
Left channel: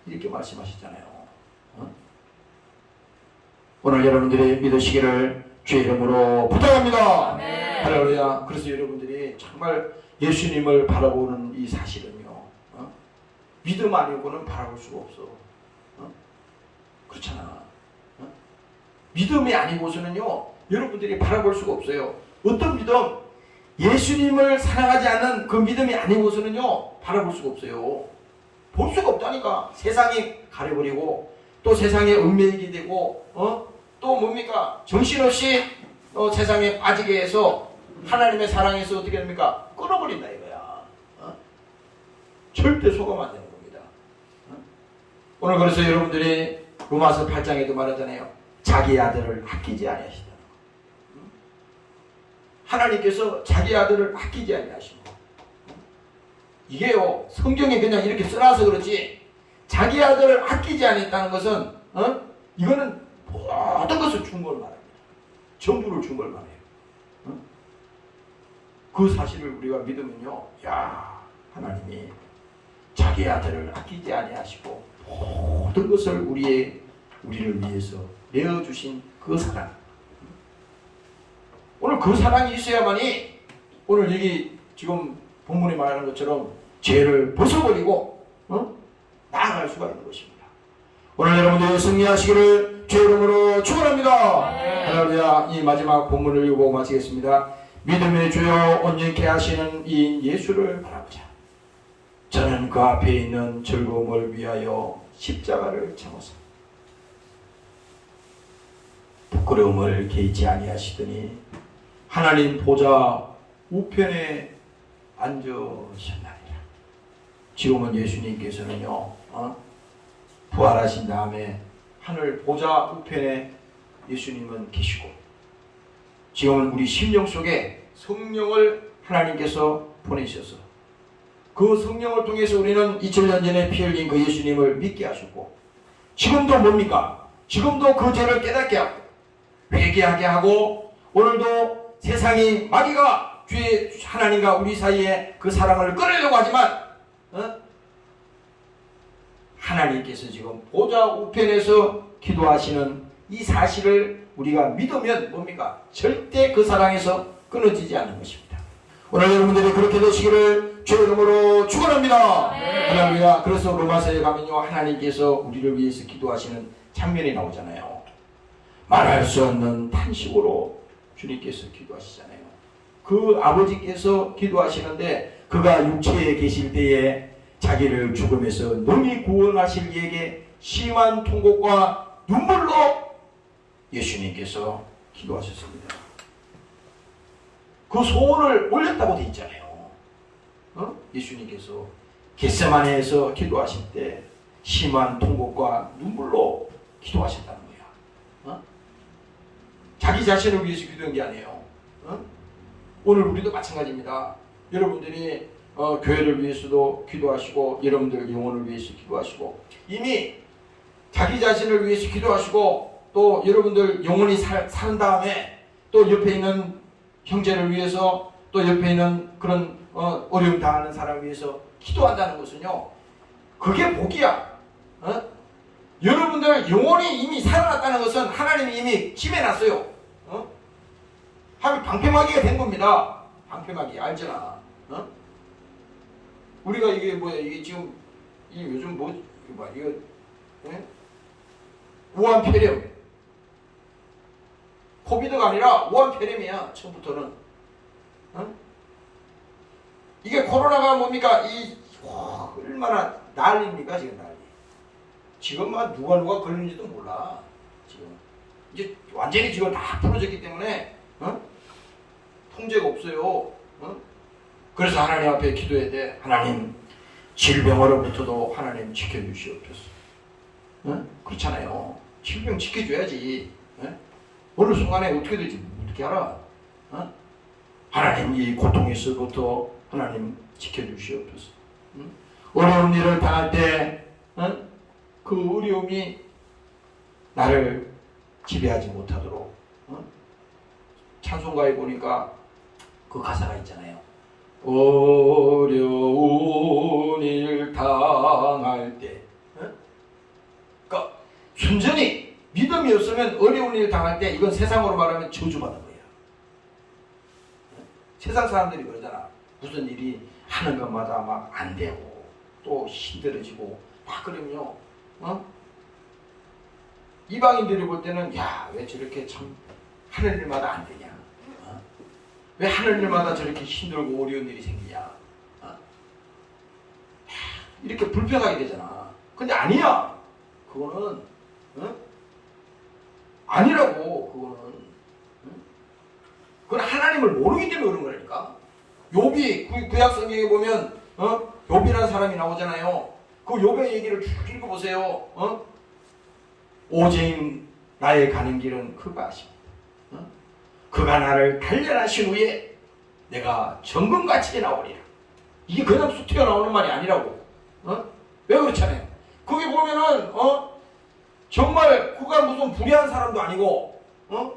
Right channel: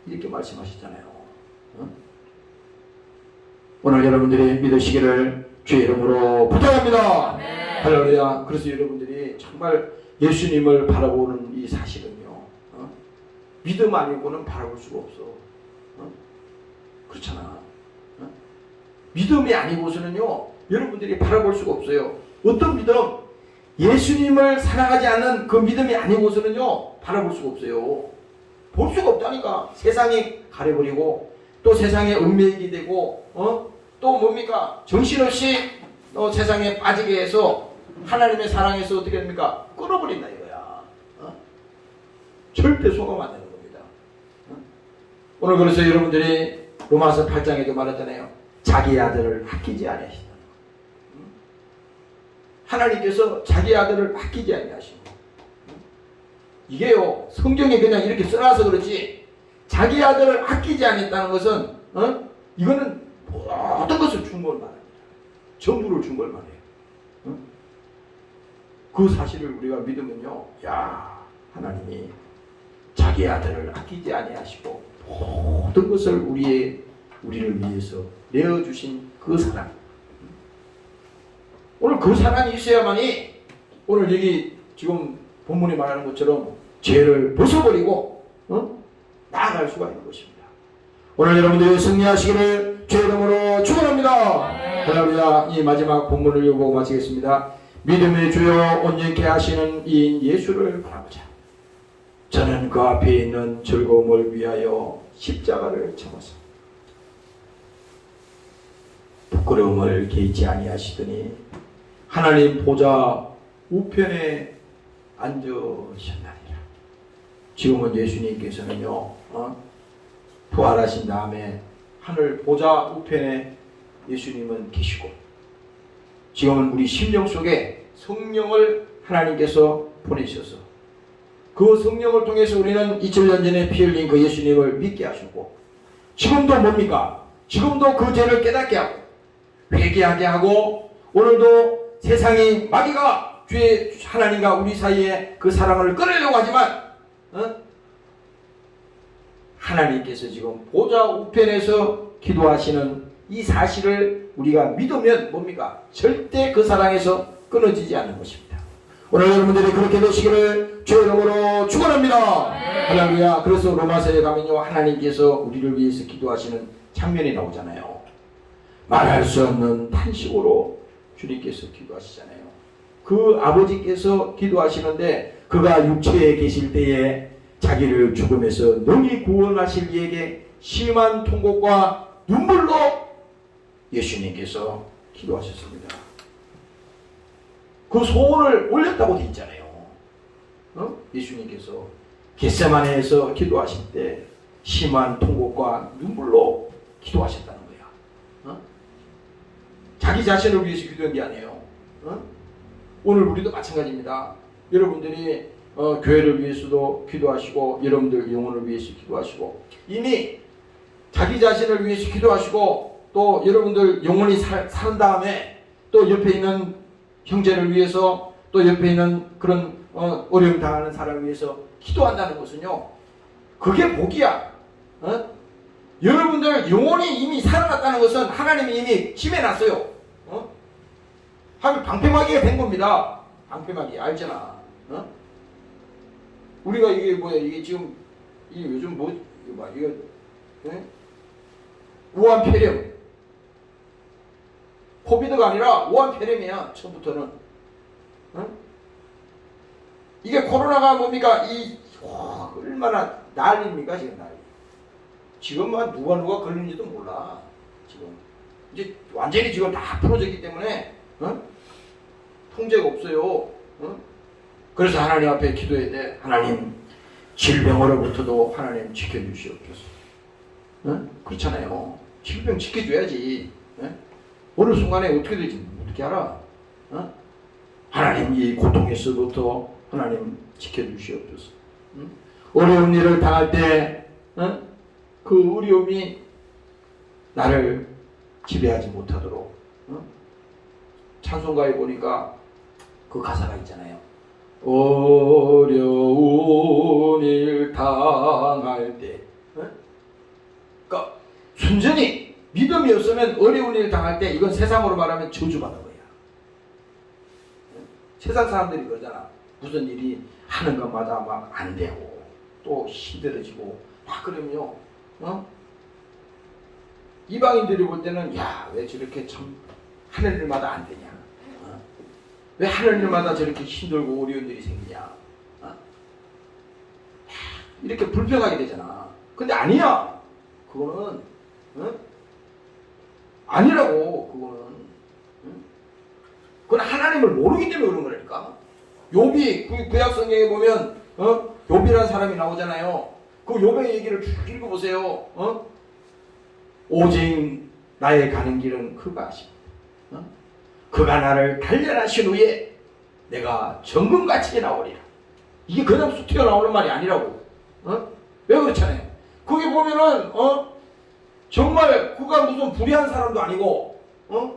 이렇게 말씀하셨잖아요. 오늘 여러분들이 믿으시기를 주의 이름으로 부탁합니다. 할렐루야. 그래서 여러분들이 정말 예수님을 바라보는 이 사실은요, 믿음 아니고는 바라볼 수가 없어. 그렇잖아. 믿음이 아니고서는요 여러분들이 바라볼 수가 없어요. 어떤 믿음? 예수님을 사랑하지 않는 그 믿음이 아니고서는요 바라볼 수가 없어요. 볼 수가 없다니까. 세상이 가려버리고 또 세상에 얽매이게 되고 또 뭡니까? 정신없이 세상에 빠지게 해서 하나님의 사랑에서 어떻게 됩니까? 끊어버린다 이거야. 절대 속으면 안 되는 겁니다. 오늘 그래서 여러분들이 로마서 8장에도 말하잖아요. 자기 아들을 아끼지 아니하시다. 하나님께서 자기 아들을 아끼지 아니하시고, 이게요 성경에 그냥 이렇게 써놔서 그렇지 자기 아들을 아끼지 않았다는 것은 이거는 모든 것을 준 걸 말합니다. 전부를 준 걸 말해요. 그 사실을 우리가 믿으면요, 야 하나님이 자기 아들을 아끼지 아니하시고 모든 것을 우리를 위해서 내어주신 그 사랑, 오늘 그 사랑이 있어야만이 오늘 여기 지금 본문이 말하는 것처럼 죄를 벗어버리고 나아갈 수가 있는 것입니다. 오늘 여러분들이 승리하시기를 주의 이름으로 축원합니다. 할렐루야. 이 마지막 본문을 읽고 마치겠습니다. 믿음의 주여 온전케 하시는 이인 예수를 바라보자. 저는 그 앞에 있는 즐거움을 위하여 십자가를 참았습니다. 부끄러움을 개의치 아니하시더니 하나님 보좌 우편에 앉으셨나니라. 지금은 예수님께서는요, 부활하신 다음에 하늘 보좌 우편에 예수님은 계시고, 지금은 우리 심령 속에 성령을 하나님께서 보내셔서 그 성령을 통해서 우리는 2000년 전에 피 흘린 그 예수님을 믿게 하셨고, 지금도 뭡니까? 지금도 그 죄를 깨닫게 하고 회개하게 하고, 오늘도 세상이 마귀가 주의 하나님과 우리 사이에 그 사랑을 끊으려고 하지만 하나님께서 지금 보좌 우편에서 기도하시는 이 사실을 우리가 믿으면 뭡니까? 절대 그 사랑에서 끊어지지 않는 것입니다. 오늘 여러분들이 그렇게 되시기를 주의 이름으로 축원합니다. 할렐루야. 그래서 로마서에 가면요, 하나님께서 우리를 위해서 기도하시는 장면이 나오잖아요. 말할 수 없는 탄식으로 주님께서 기도하시잖아요. 그 아버지께서 기도하시는데, 그가 육체에 계실 때에 자기를 죽음에서 능히 구원하실 이에게 심한 통곡과 눈물로 예수님께서 기도하셨습니다. 그 소원을 올렸다고 되어 있잖아요. 예수님께서 겟세마네에서 기도하실 때 심한 통곡과 눈물로 기도하셨다는 거야. 자기 자신을 위해서 기도한 게 아니에요. 오늘 우리도 마찬가지입니다. 여러분들이 교회를 위해서도 기도하시고, 여러분들 영혼을 위해서 기도하시고, 이미 자기 자신을 위해서 기도하시고, 또 여러분들 영혼이 산 다음에 또 옆에 있는 형제를 위해서, 또 옆에 있는 그런 어려움 당하는 사람을 위해서 기도한다는 것은요, 그게 복이야. 여러분들 영혼이 이미 살아났다는 것은 하나님이 이미 지배놨어요. 방패막이가 된 겁니다. 방패막이 알잖아. 우리가 이게 뭐야? 이게 지금 이 요즘 뭐 이거 봐, 이거 우한폐렴, 코비드가 아니라 우한폐렴이야. 처음부터는. 이게 코로나가 뭡니까? 얼마나 난리입니까 지금 난리. 지금 누가 걸리는지도 몰라. 지금 이제 완전히 지금 다 풀어졌기 때문에 통제가 없어요. 그래서 하나님 앞에 기도해야 돼. 하나님, 질병으로부터도 하나님 지켜주시옵소서. 그렇잖아요. 질병 지켜줘야지. 어느 순간에 어떻게 되지 어떻게 알아? 하나님, 이 고통에서부터 하나님 지켜주시옵소서. 어려운 일을 당할 때 그 어려움이 나를 지배하지 못하도록, 찬송가에 보니까 그 가사가 있잖아요. 어려운 일 당할 때, 그러니까 순전히 믿음이 없으면 어려운 일 당할 때, 이건 세상으로 말하면 저주받는 거야. 세상 사람들이 그러잖아. 무슨 일이 하는 것마다 막 안 되고 또 힘들어지고 막 그러면요, 이방인들이 볼 때는 야, 왜 저렇게 참 하는 일마다 안 되냐, 왜 하는 일마다 저렇게 힘들고 어려운 일이 생기냐, 이렇게 불평하게 되잖아. 근데 아니야. 그거는 아니라고. 그건 하나님을 모르기 때문에 그런 거라니까. 욥이 구약 성경에 보면 욥이라는 사람이 나오잖아요. 그 욥의 얘기를 쭉 읽어보세요. 오직 나의 가는 길은 그가 아십니다. 그가 나를 단련하신 후에 내가 정금같이 나오리라. 이게 그냥 쑥 튀어나오는 말이 아니라고. 왜 그렇잖아요. 거기 보면은 정말 그가 무슨 불의한 사람도 아니고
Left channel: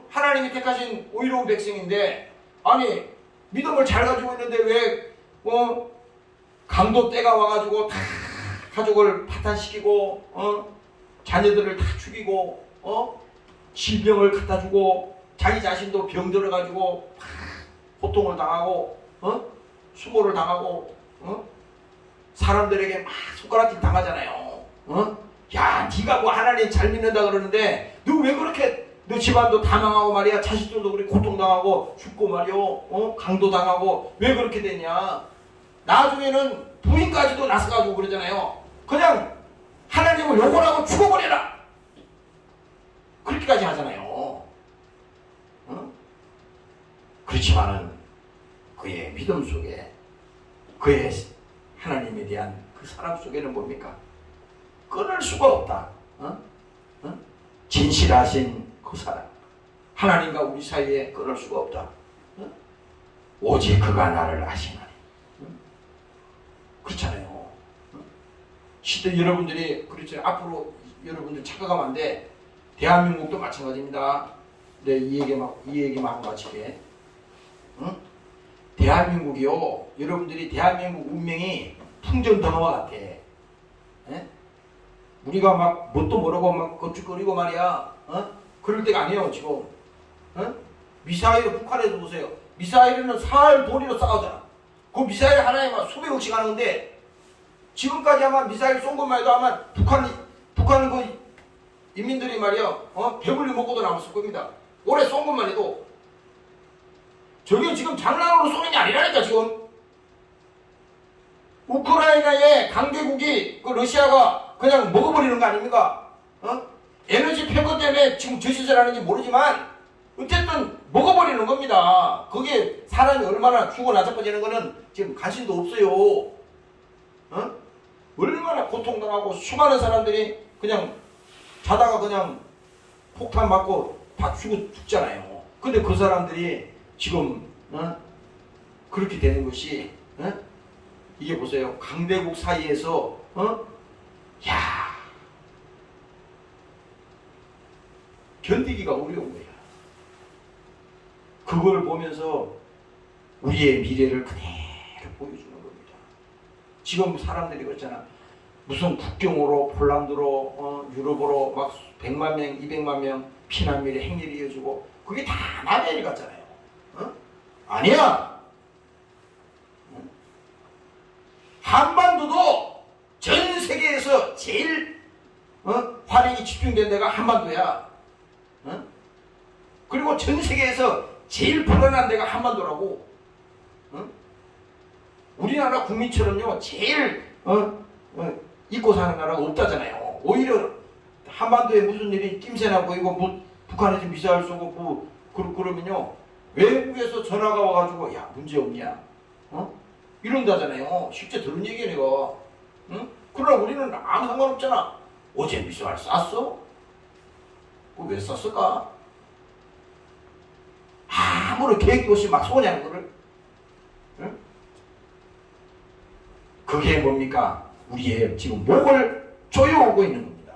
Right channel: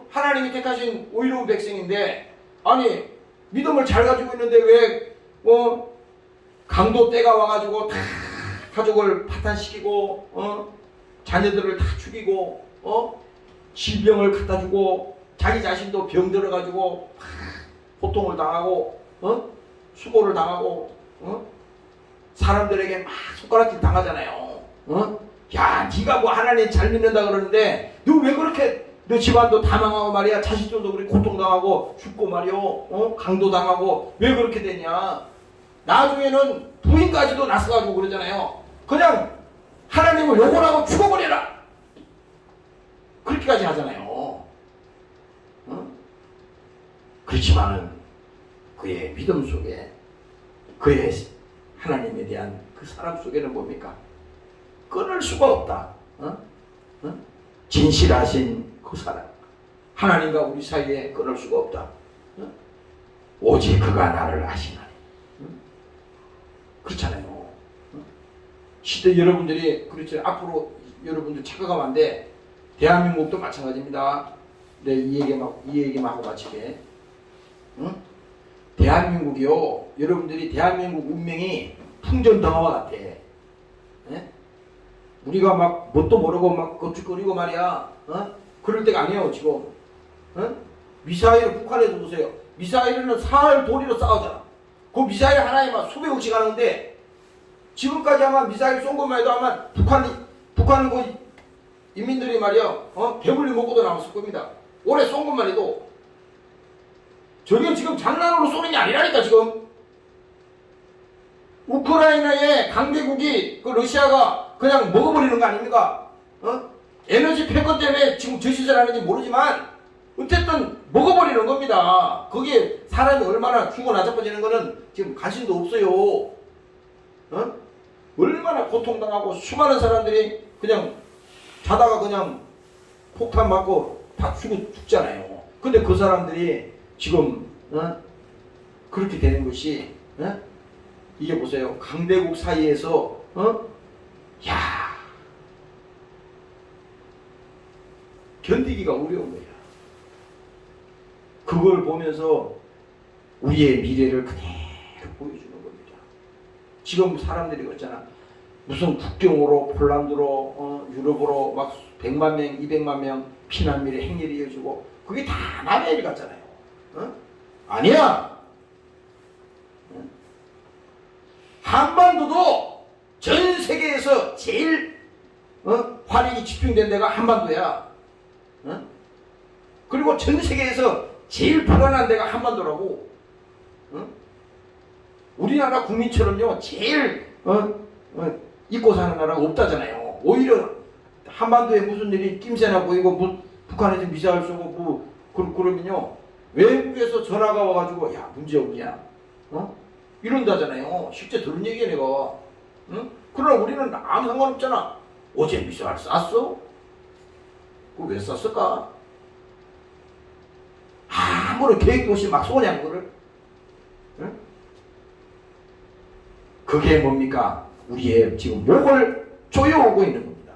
하나님이 택하신 의로운 백성인데, 아니 믿음을 잘 가지고 있는데 왜 강도 때가 와가지고 다 가족을 파탄시키고 자녀들을 다 죽이고 질병을 갖다 주고 자기 자신도 병 들어가지고 고통을 당하고 수고를 당하고 사람들에게 막 손가락질 당하잖아요. 야, 네가 뭐 하나님 잘 믿는다 그러는데 너 왜 그렇게, 너 집안도 다 망하고 말이야, 자식들도 그렇게 고통당하고 죽고 말이요, 강도 당하고 왜 그렇게 됐냐. 나중에는 부인까지도 나서가지고 그러잖아요. 그냥 하나님을 욕을 하고 죽어버려라, 그렇게까지 하잖아요. 그렇지만 그의 믿음 속에, 그의 하나님에 대한 그 사랑 속에는 뭡니까? 끊을 수가 없다. 진실하신 그 사랑, 하나님과 우리 사이에 끊을 수가 없다. 오직 그가 나를 아시나니. 그렇잖아요. 시대 여러분들이 그렇죠. 앞으로 여러분들 착각하면 안 돼. 대한민국도 마찬가지입니다. 네, 이 얘기만 하고 마치게. 대한민국이요. 여러분들이 대한민국 운명이 풍전등화와 같아. 네? 우리가 막 뭣도 모르고 막 거축거리고 말이야. 그럴 때가 아니에요 지금. 미사일을 북한에서 보세요. 미사일은 사흘 도리로 싸우잖아. 그 미사일 하나에 막 수백억씩 하는데 지금까지 아마 미사일 쏜 것만 해도 아마 북한 그 인민들이 말이야 배불리 먹고도 남았을 겁니다. 올해 쏜 것만 해도. 저게 지금 장난으로 쏘는 게 아니라니까 지금. 우크라이나의 강대국이 그 러시아가 그냥 먹어버리는 거 아닙니까? 에너지 패권 때문에 지금 저 짓을 하는지 모르지만 어쨌든 먹어버리는 겁니다. 그게 사람이 얼마나 죽어 나자빠지는 거는 지금 관심도 없어요. 얼마나 고통당하고 수많은 사람들이 그냥 자다가 그냥 폭탄 맞고 다 죽잖아요. 근데 그 사람들이 지금 그렇게 되는 것이 이게 보세요. 강대국 사이에서 야 견디기가 어려운 거야. 그걸 보면서 우리의 미래를 그대로 보여주는 겁니다. 지금 사람들이 그렇잖아. 무슨 국경으로 폴란드로 유럽으로 막 100만 명, 200만 명 피난민이 행렬이 이어지고 그게 다 남의 일 같잖아요. 아니야. 한반도도 전 세계에서 제일 화력이 집중된 데가 한반도야. 그리고 전 세계에서 제일 불안한 데가 한반도라고. 우리나라 국민처럼요 제일 잊고 사는 나라가 없다잖아요. 오히려 한반도에 무슨 일이 낌새나 보이고 북한에서 미사일 쏘고 그러면요 외국에서 전화가 와가지고 야 문제 없냐 이런다잖아요. 실제 들은 얘기야 내가. 그러나 우리는 아무 상관없잖아. 어제 미사일 쐈어? 그거 왜 쐈을까? 아무런 계획도 없이 막 쏘냐 그거를. 그게 뭡니까? 우리의 지금 목을 조여오고 있는 겁니다.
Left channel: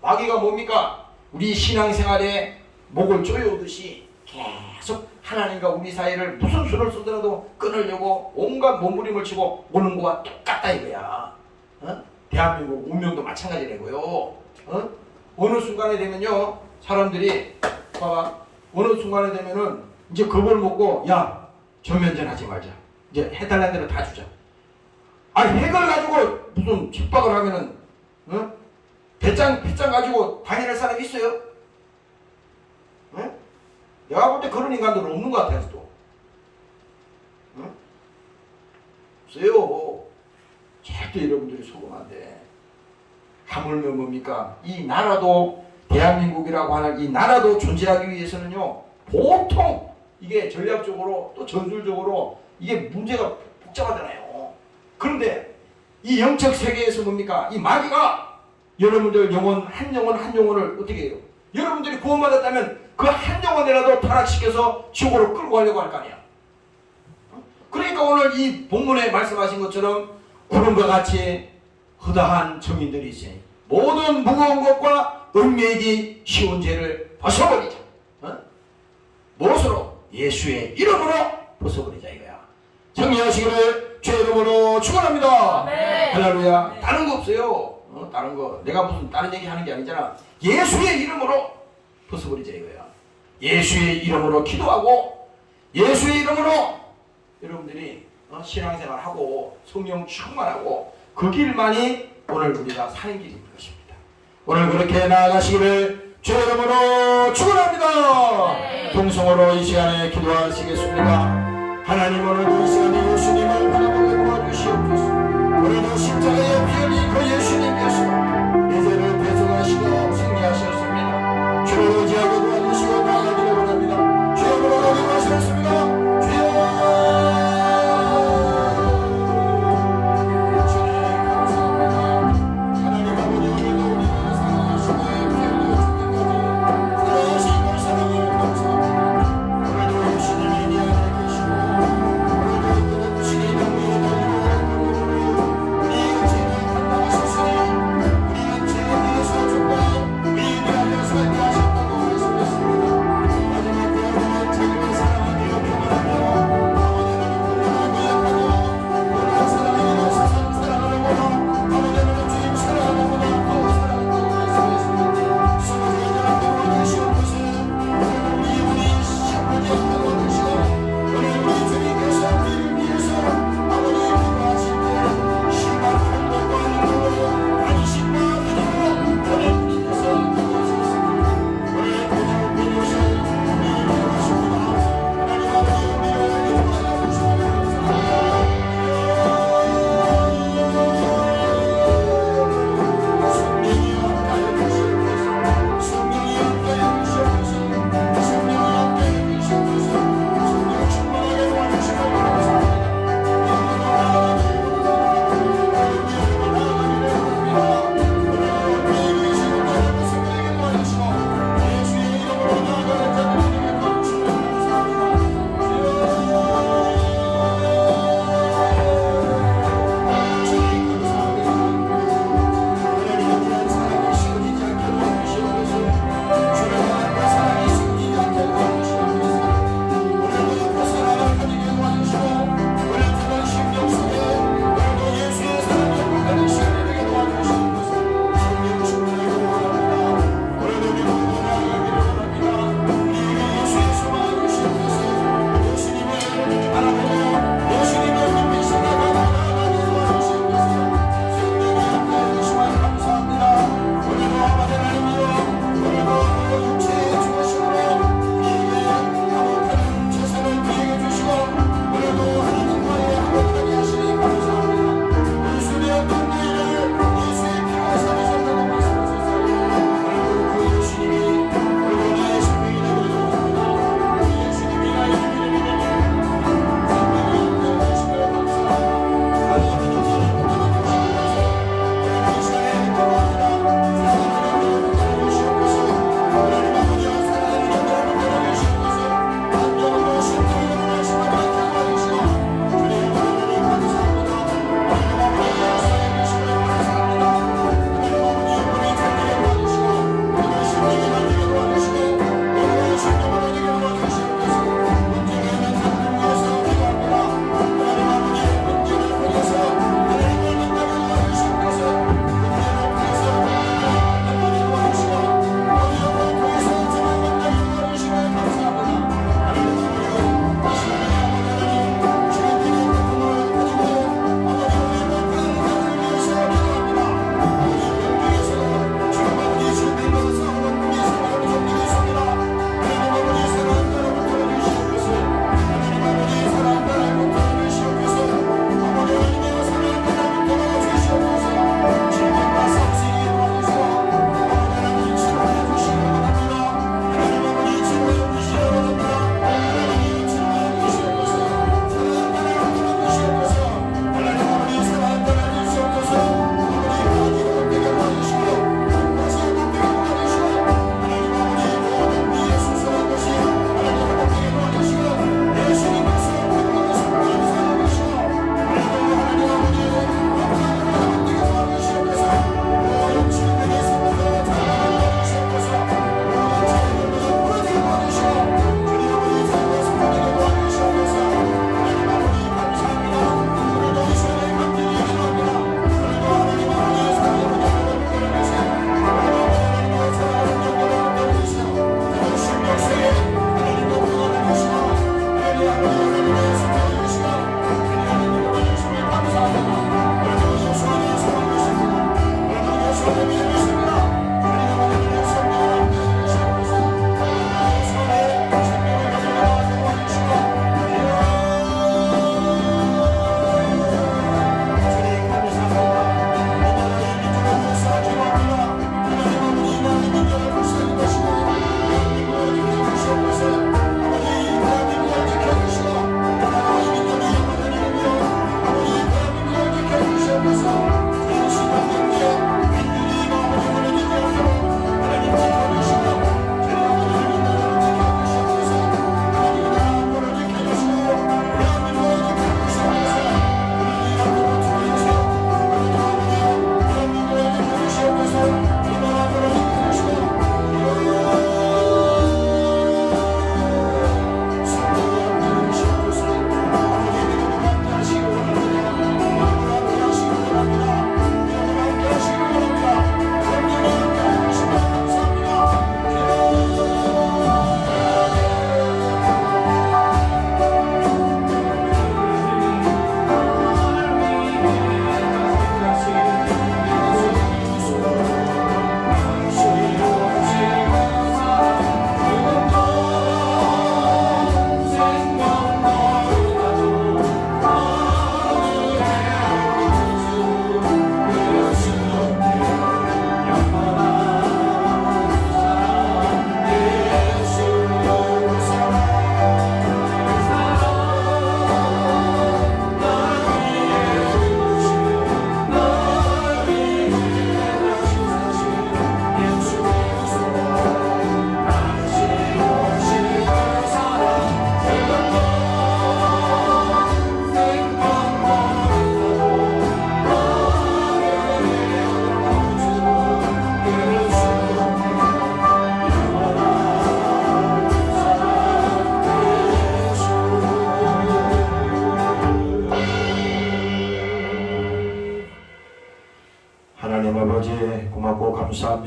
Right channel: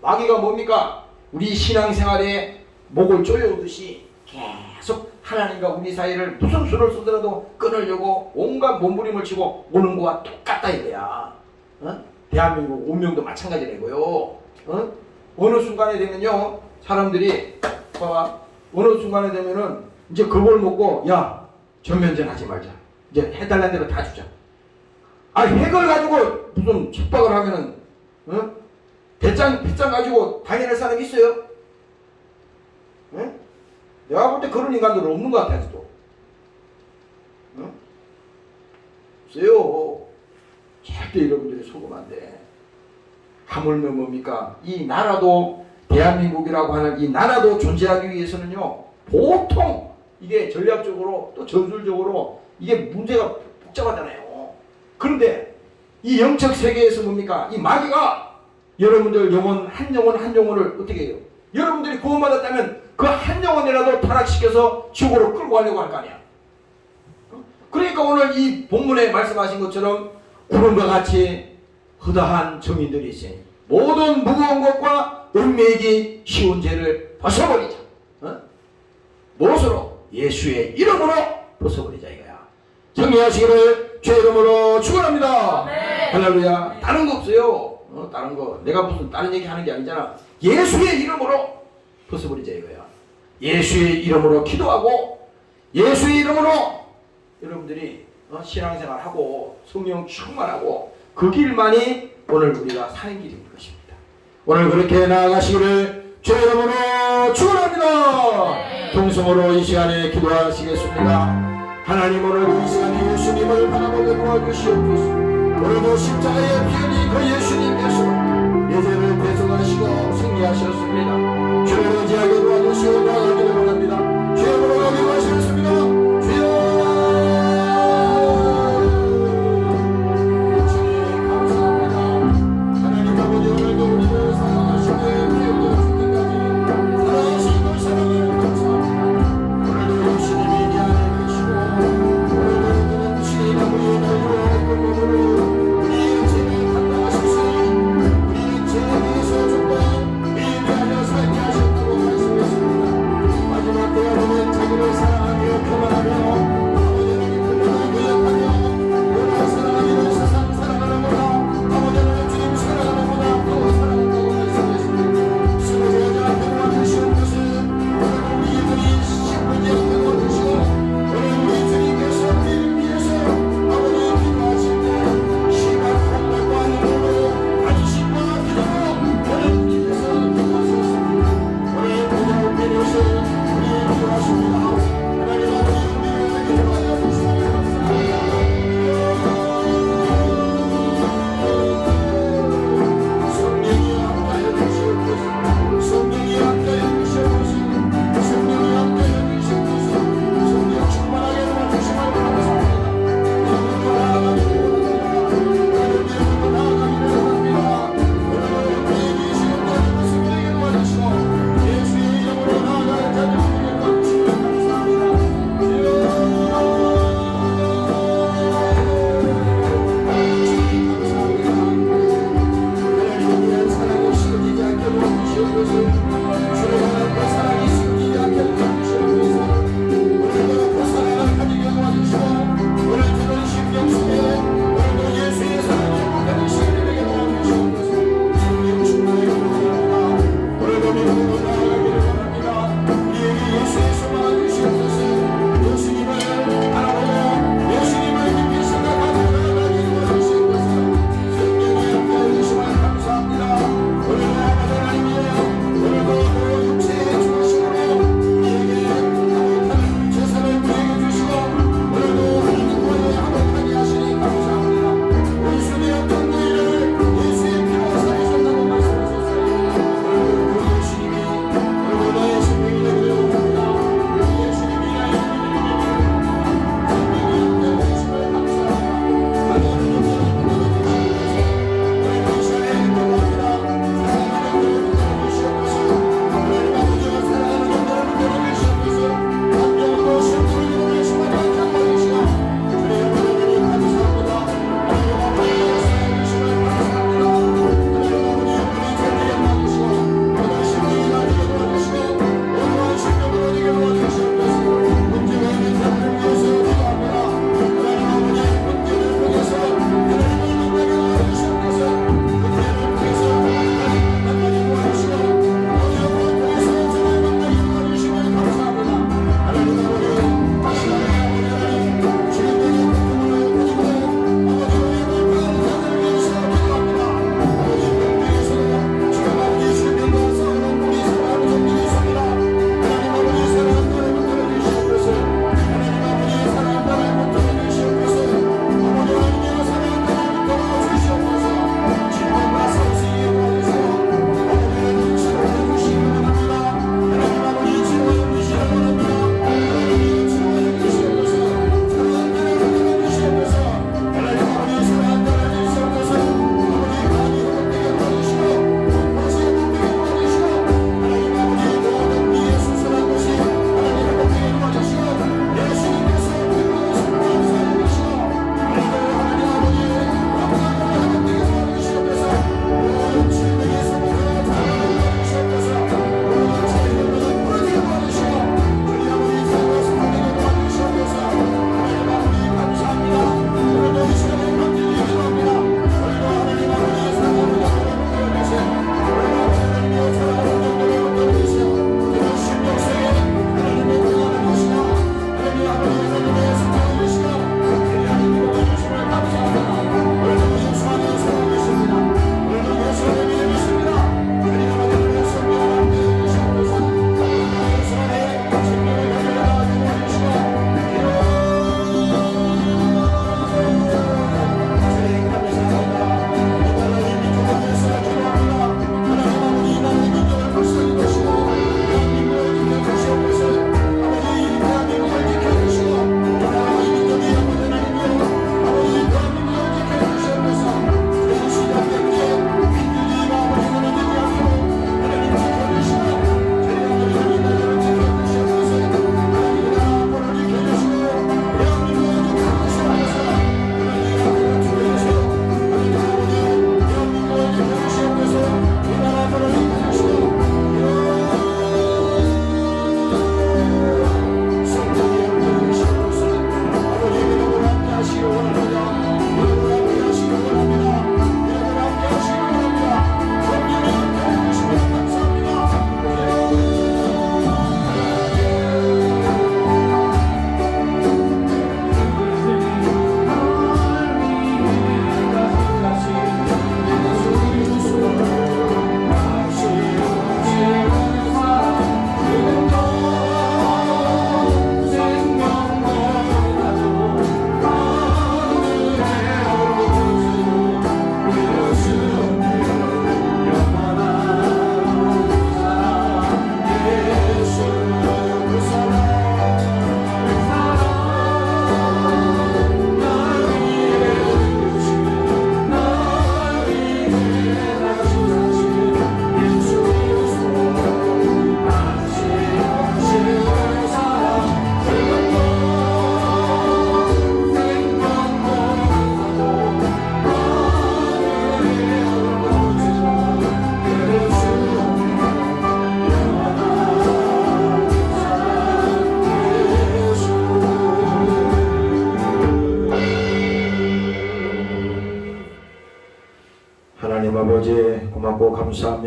마귀가 뭡니까? 우리 신앙생활에 목을 조여오듯이 계속 하나님과 우리 사이를 무슨 수를 쓰더라도 끊으려고 온갖 몸부림을 치고 오는 거와 똑같다 이거야. 대한민국 운명도 마찬가지라고요. 어느 순간에 되면요 사람들이 봐봐. 어느 순간에 되면은 이제 그걸 먹고 야 전면전 하지 말자. 이제 해달라는 대로 다 주자. 핵을 가지고 무슨 핍박을 하면은 배짱 가지고 당연할 사람 있어요? 내가 볼 때 그런 인간들은 없는 것 같아 아직도. 없어요. 절대 여러분들이 속으면 안 돼. 하물며 뭡니까? 이 나라도 대한민국이라고 하는 이 나라도 존재하기 위해서는요 보통 이게 전략적으로 또 전술적으로 이게 문제가 복잡하잖아요. 그런데 이 영적 세계에서 뭡니까? 이 마귀가 여러분들 한 영혼을 어떻게 해요? 여러분들이 구원받았다면 그 한 영혼이라도 타락시켜서 지옥으로 끌고 가려고 할 거 아니야. 그러니까 오늘 이 본문에 말씀하신 것처럼 구름과 같이 허다한 정인들이 있어요. 모든 무거운 것과 얽매이기 쉬운 죄를 벗어버리자. 무엇으로? 예수의 이름으로 벗어버리자 이거야. 정리하시기를 주의 이름으로 축원합니다. 할렐루야. 다른 거 없어요. 다른 거 내가 무슨 다른 얘기 하는 게 아니잖아. 예수의 이름으로 벗어버리자 이거야. 예수의 이름으로 기도하고 예수의 이름으로 여러분들이 신앙생활하고 성령 충만하고 그 길만이 오늘 우리가 사는 길인 것입니다. 오늘 그렇게 나아가시기를 주의 이름으로 축원합니다. 동성으로 이 시간에 기도하시겠습니다. 하나님 오늘도 이 시간에 예수님을 바라보게 도와주시옵소서. 오늘도 십자가에 피 흘린 그 예수님께서 내 죄를 배송하시고 승리하셨습니다. 주를 의지하게 도와주시고 나아가기를 원합니다. 주의 이름으로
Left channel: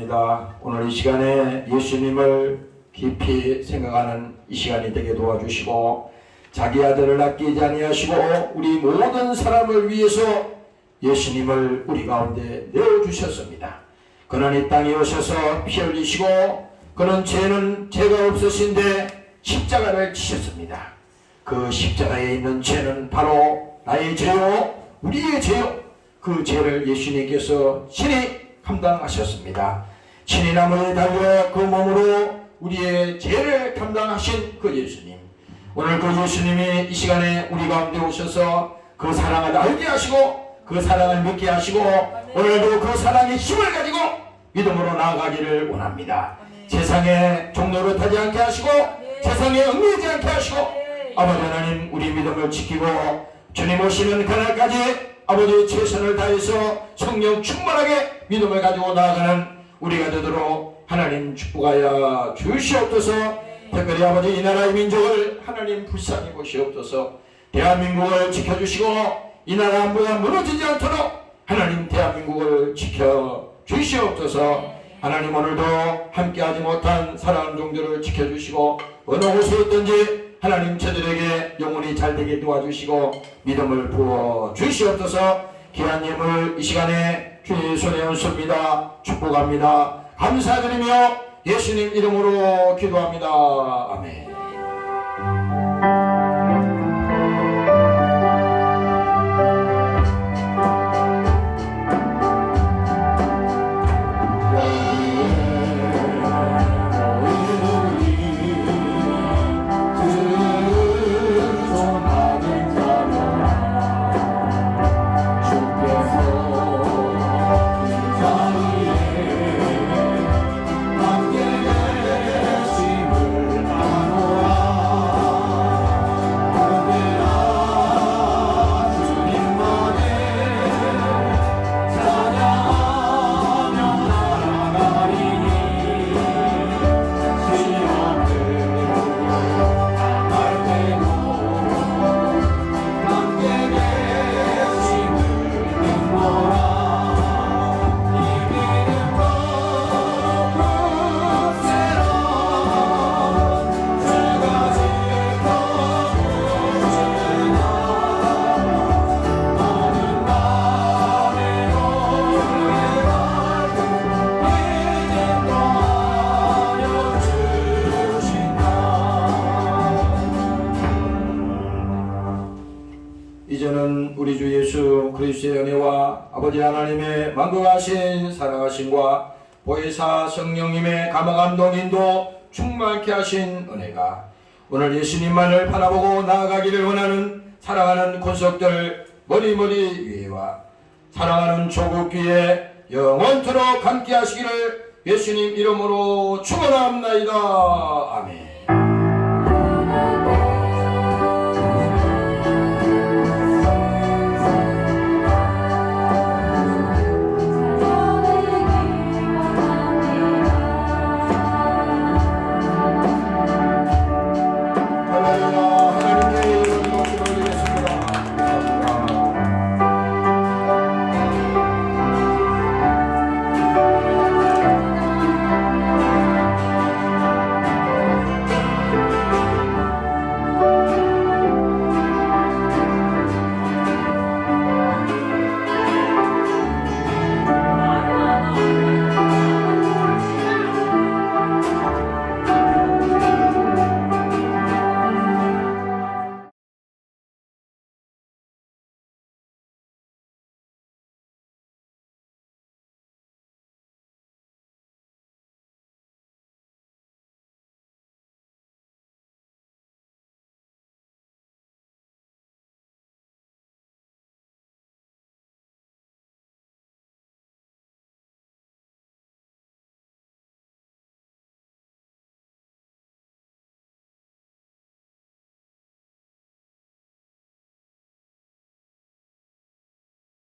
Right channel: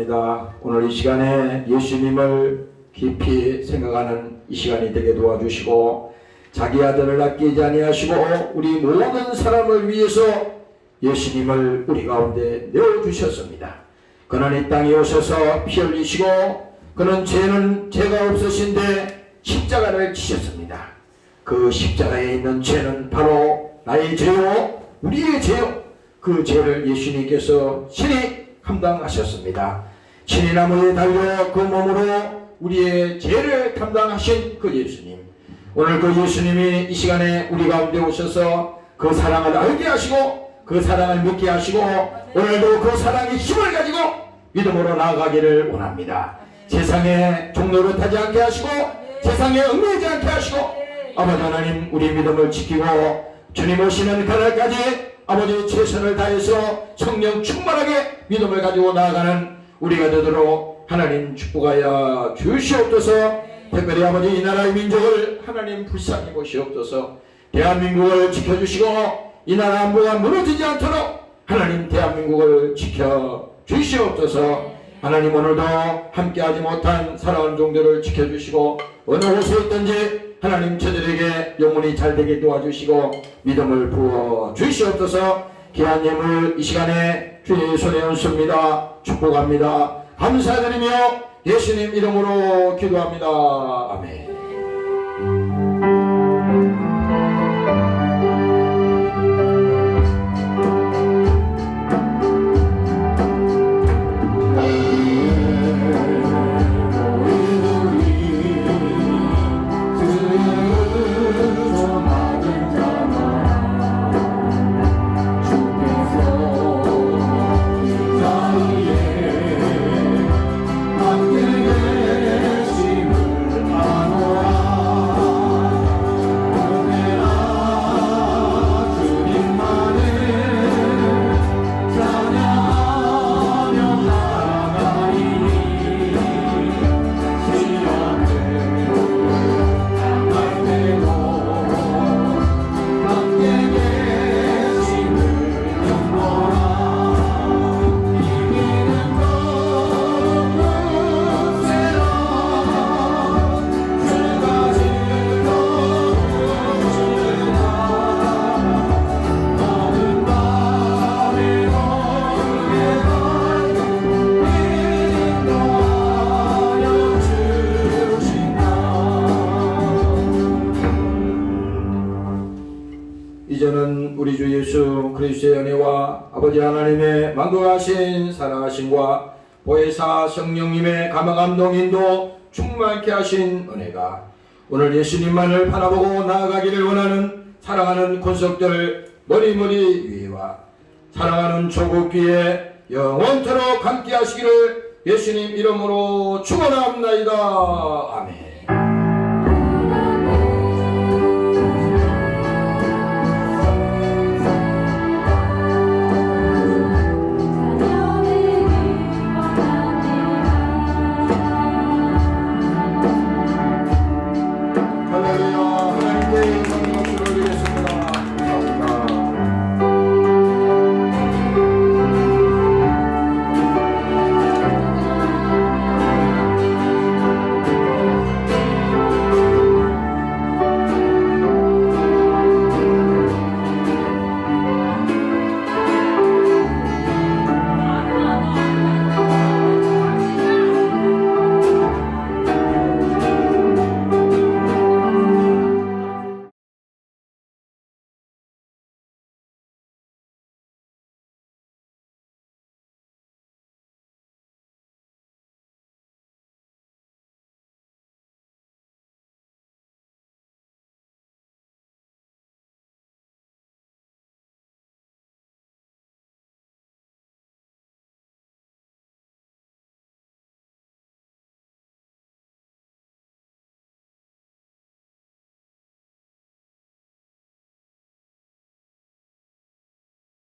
기도합니다. 오늘 이 시간에 예수님을 깊이 생각하는 이 시간이 되게 도와주시고 자기 아들을 아끼지 아니하시고 우리 모든 사람을 위해서 예수님을 우리 가운데 내어주셨습니다. 그는 이 땅에 오셔서 피 흘리시고 그는 죄가 없으신데 십자가를 지셨습니다. 그 십자가에 있는 죄는 바로 나의 죄요 우리의 죄요. 그 죄를 예수님께서 친히 감당하셨습니다. 친히 나무에 달려 그 몸으로 우리의 죄를 감당하신 그 예수님, 오늘 그 예수님이 이 시간에 우리 가운데 오셔서 그 사랑을 알게 하시고 그 사랑을 믿게 하시고 오늘도 그 사랑의 힘을 가지고 믿음으로 나아가기를 원합니다. 세상에 종노릇하지 않게 하시고 세상에 얽매이지 않게 하시고 아버지 하나님 우리 믿음을 지키고 주님 오시는 그날까지 아버지 최선을 다해서 성령 충만하게 믿음을 가지고 나아가는 우리가 되도록 하나님 축복하여 주시옵소서. 특별히 아버지 이 나라의 민족을 하나님 불쌍히 보시옵소서. 대한민국을 지켜주시고 이 나라 안보가 무너지지 않도록 하나님 대한민국을 지켜주시옵소서. 하나님 오늘도 함께하지 못한 사랑하는 종들을 지켜주시고 어느 곳에 있든지 하나님 저들에게 영혼이 잘되게 도와주시고 믿음을 부어주시옵소서. 귀한 예물 이 시간에 주의 손에 얹습니다. 축복합니다. 감사드리며 예수님 이름으로 기도합니다. 아멘. 이제는 우리 주 예수 그리스도의 은혜와 아버지 하나님의 만국하신 사랑하심과 보혜사 성령님의 감화감동인도 충만케 하신 은혜가 오늘 예수님만을 바라보고 나아가기를 원하는 사랑하는 권속들 머리머리 위에와 사랑하는 조국 위에 영원토록 함께 하시기를 예수님 이름으로 축원합니다. 아멘.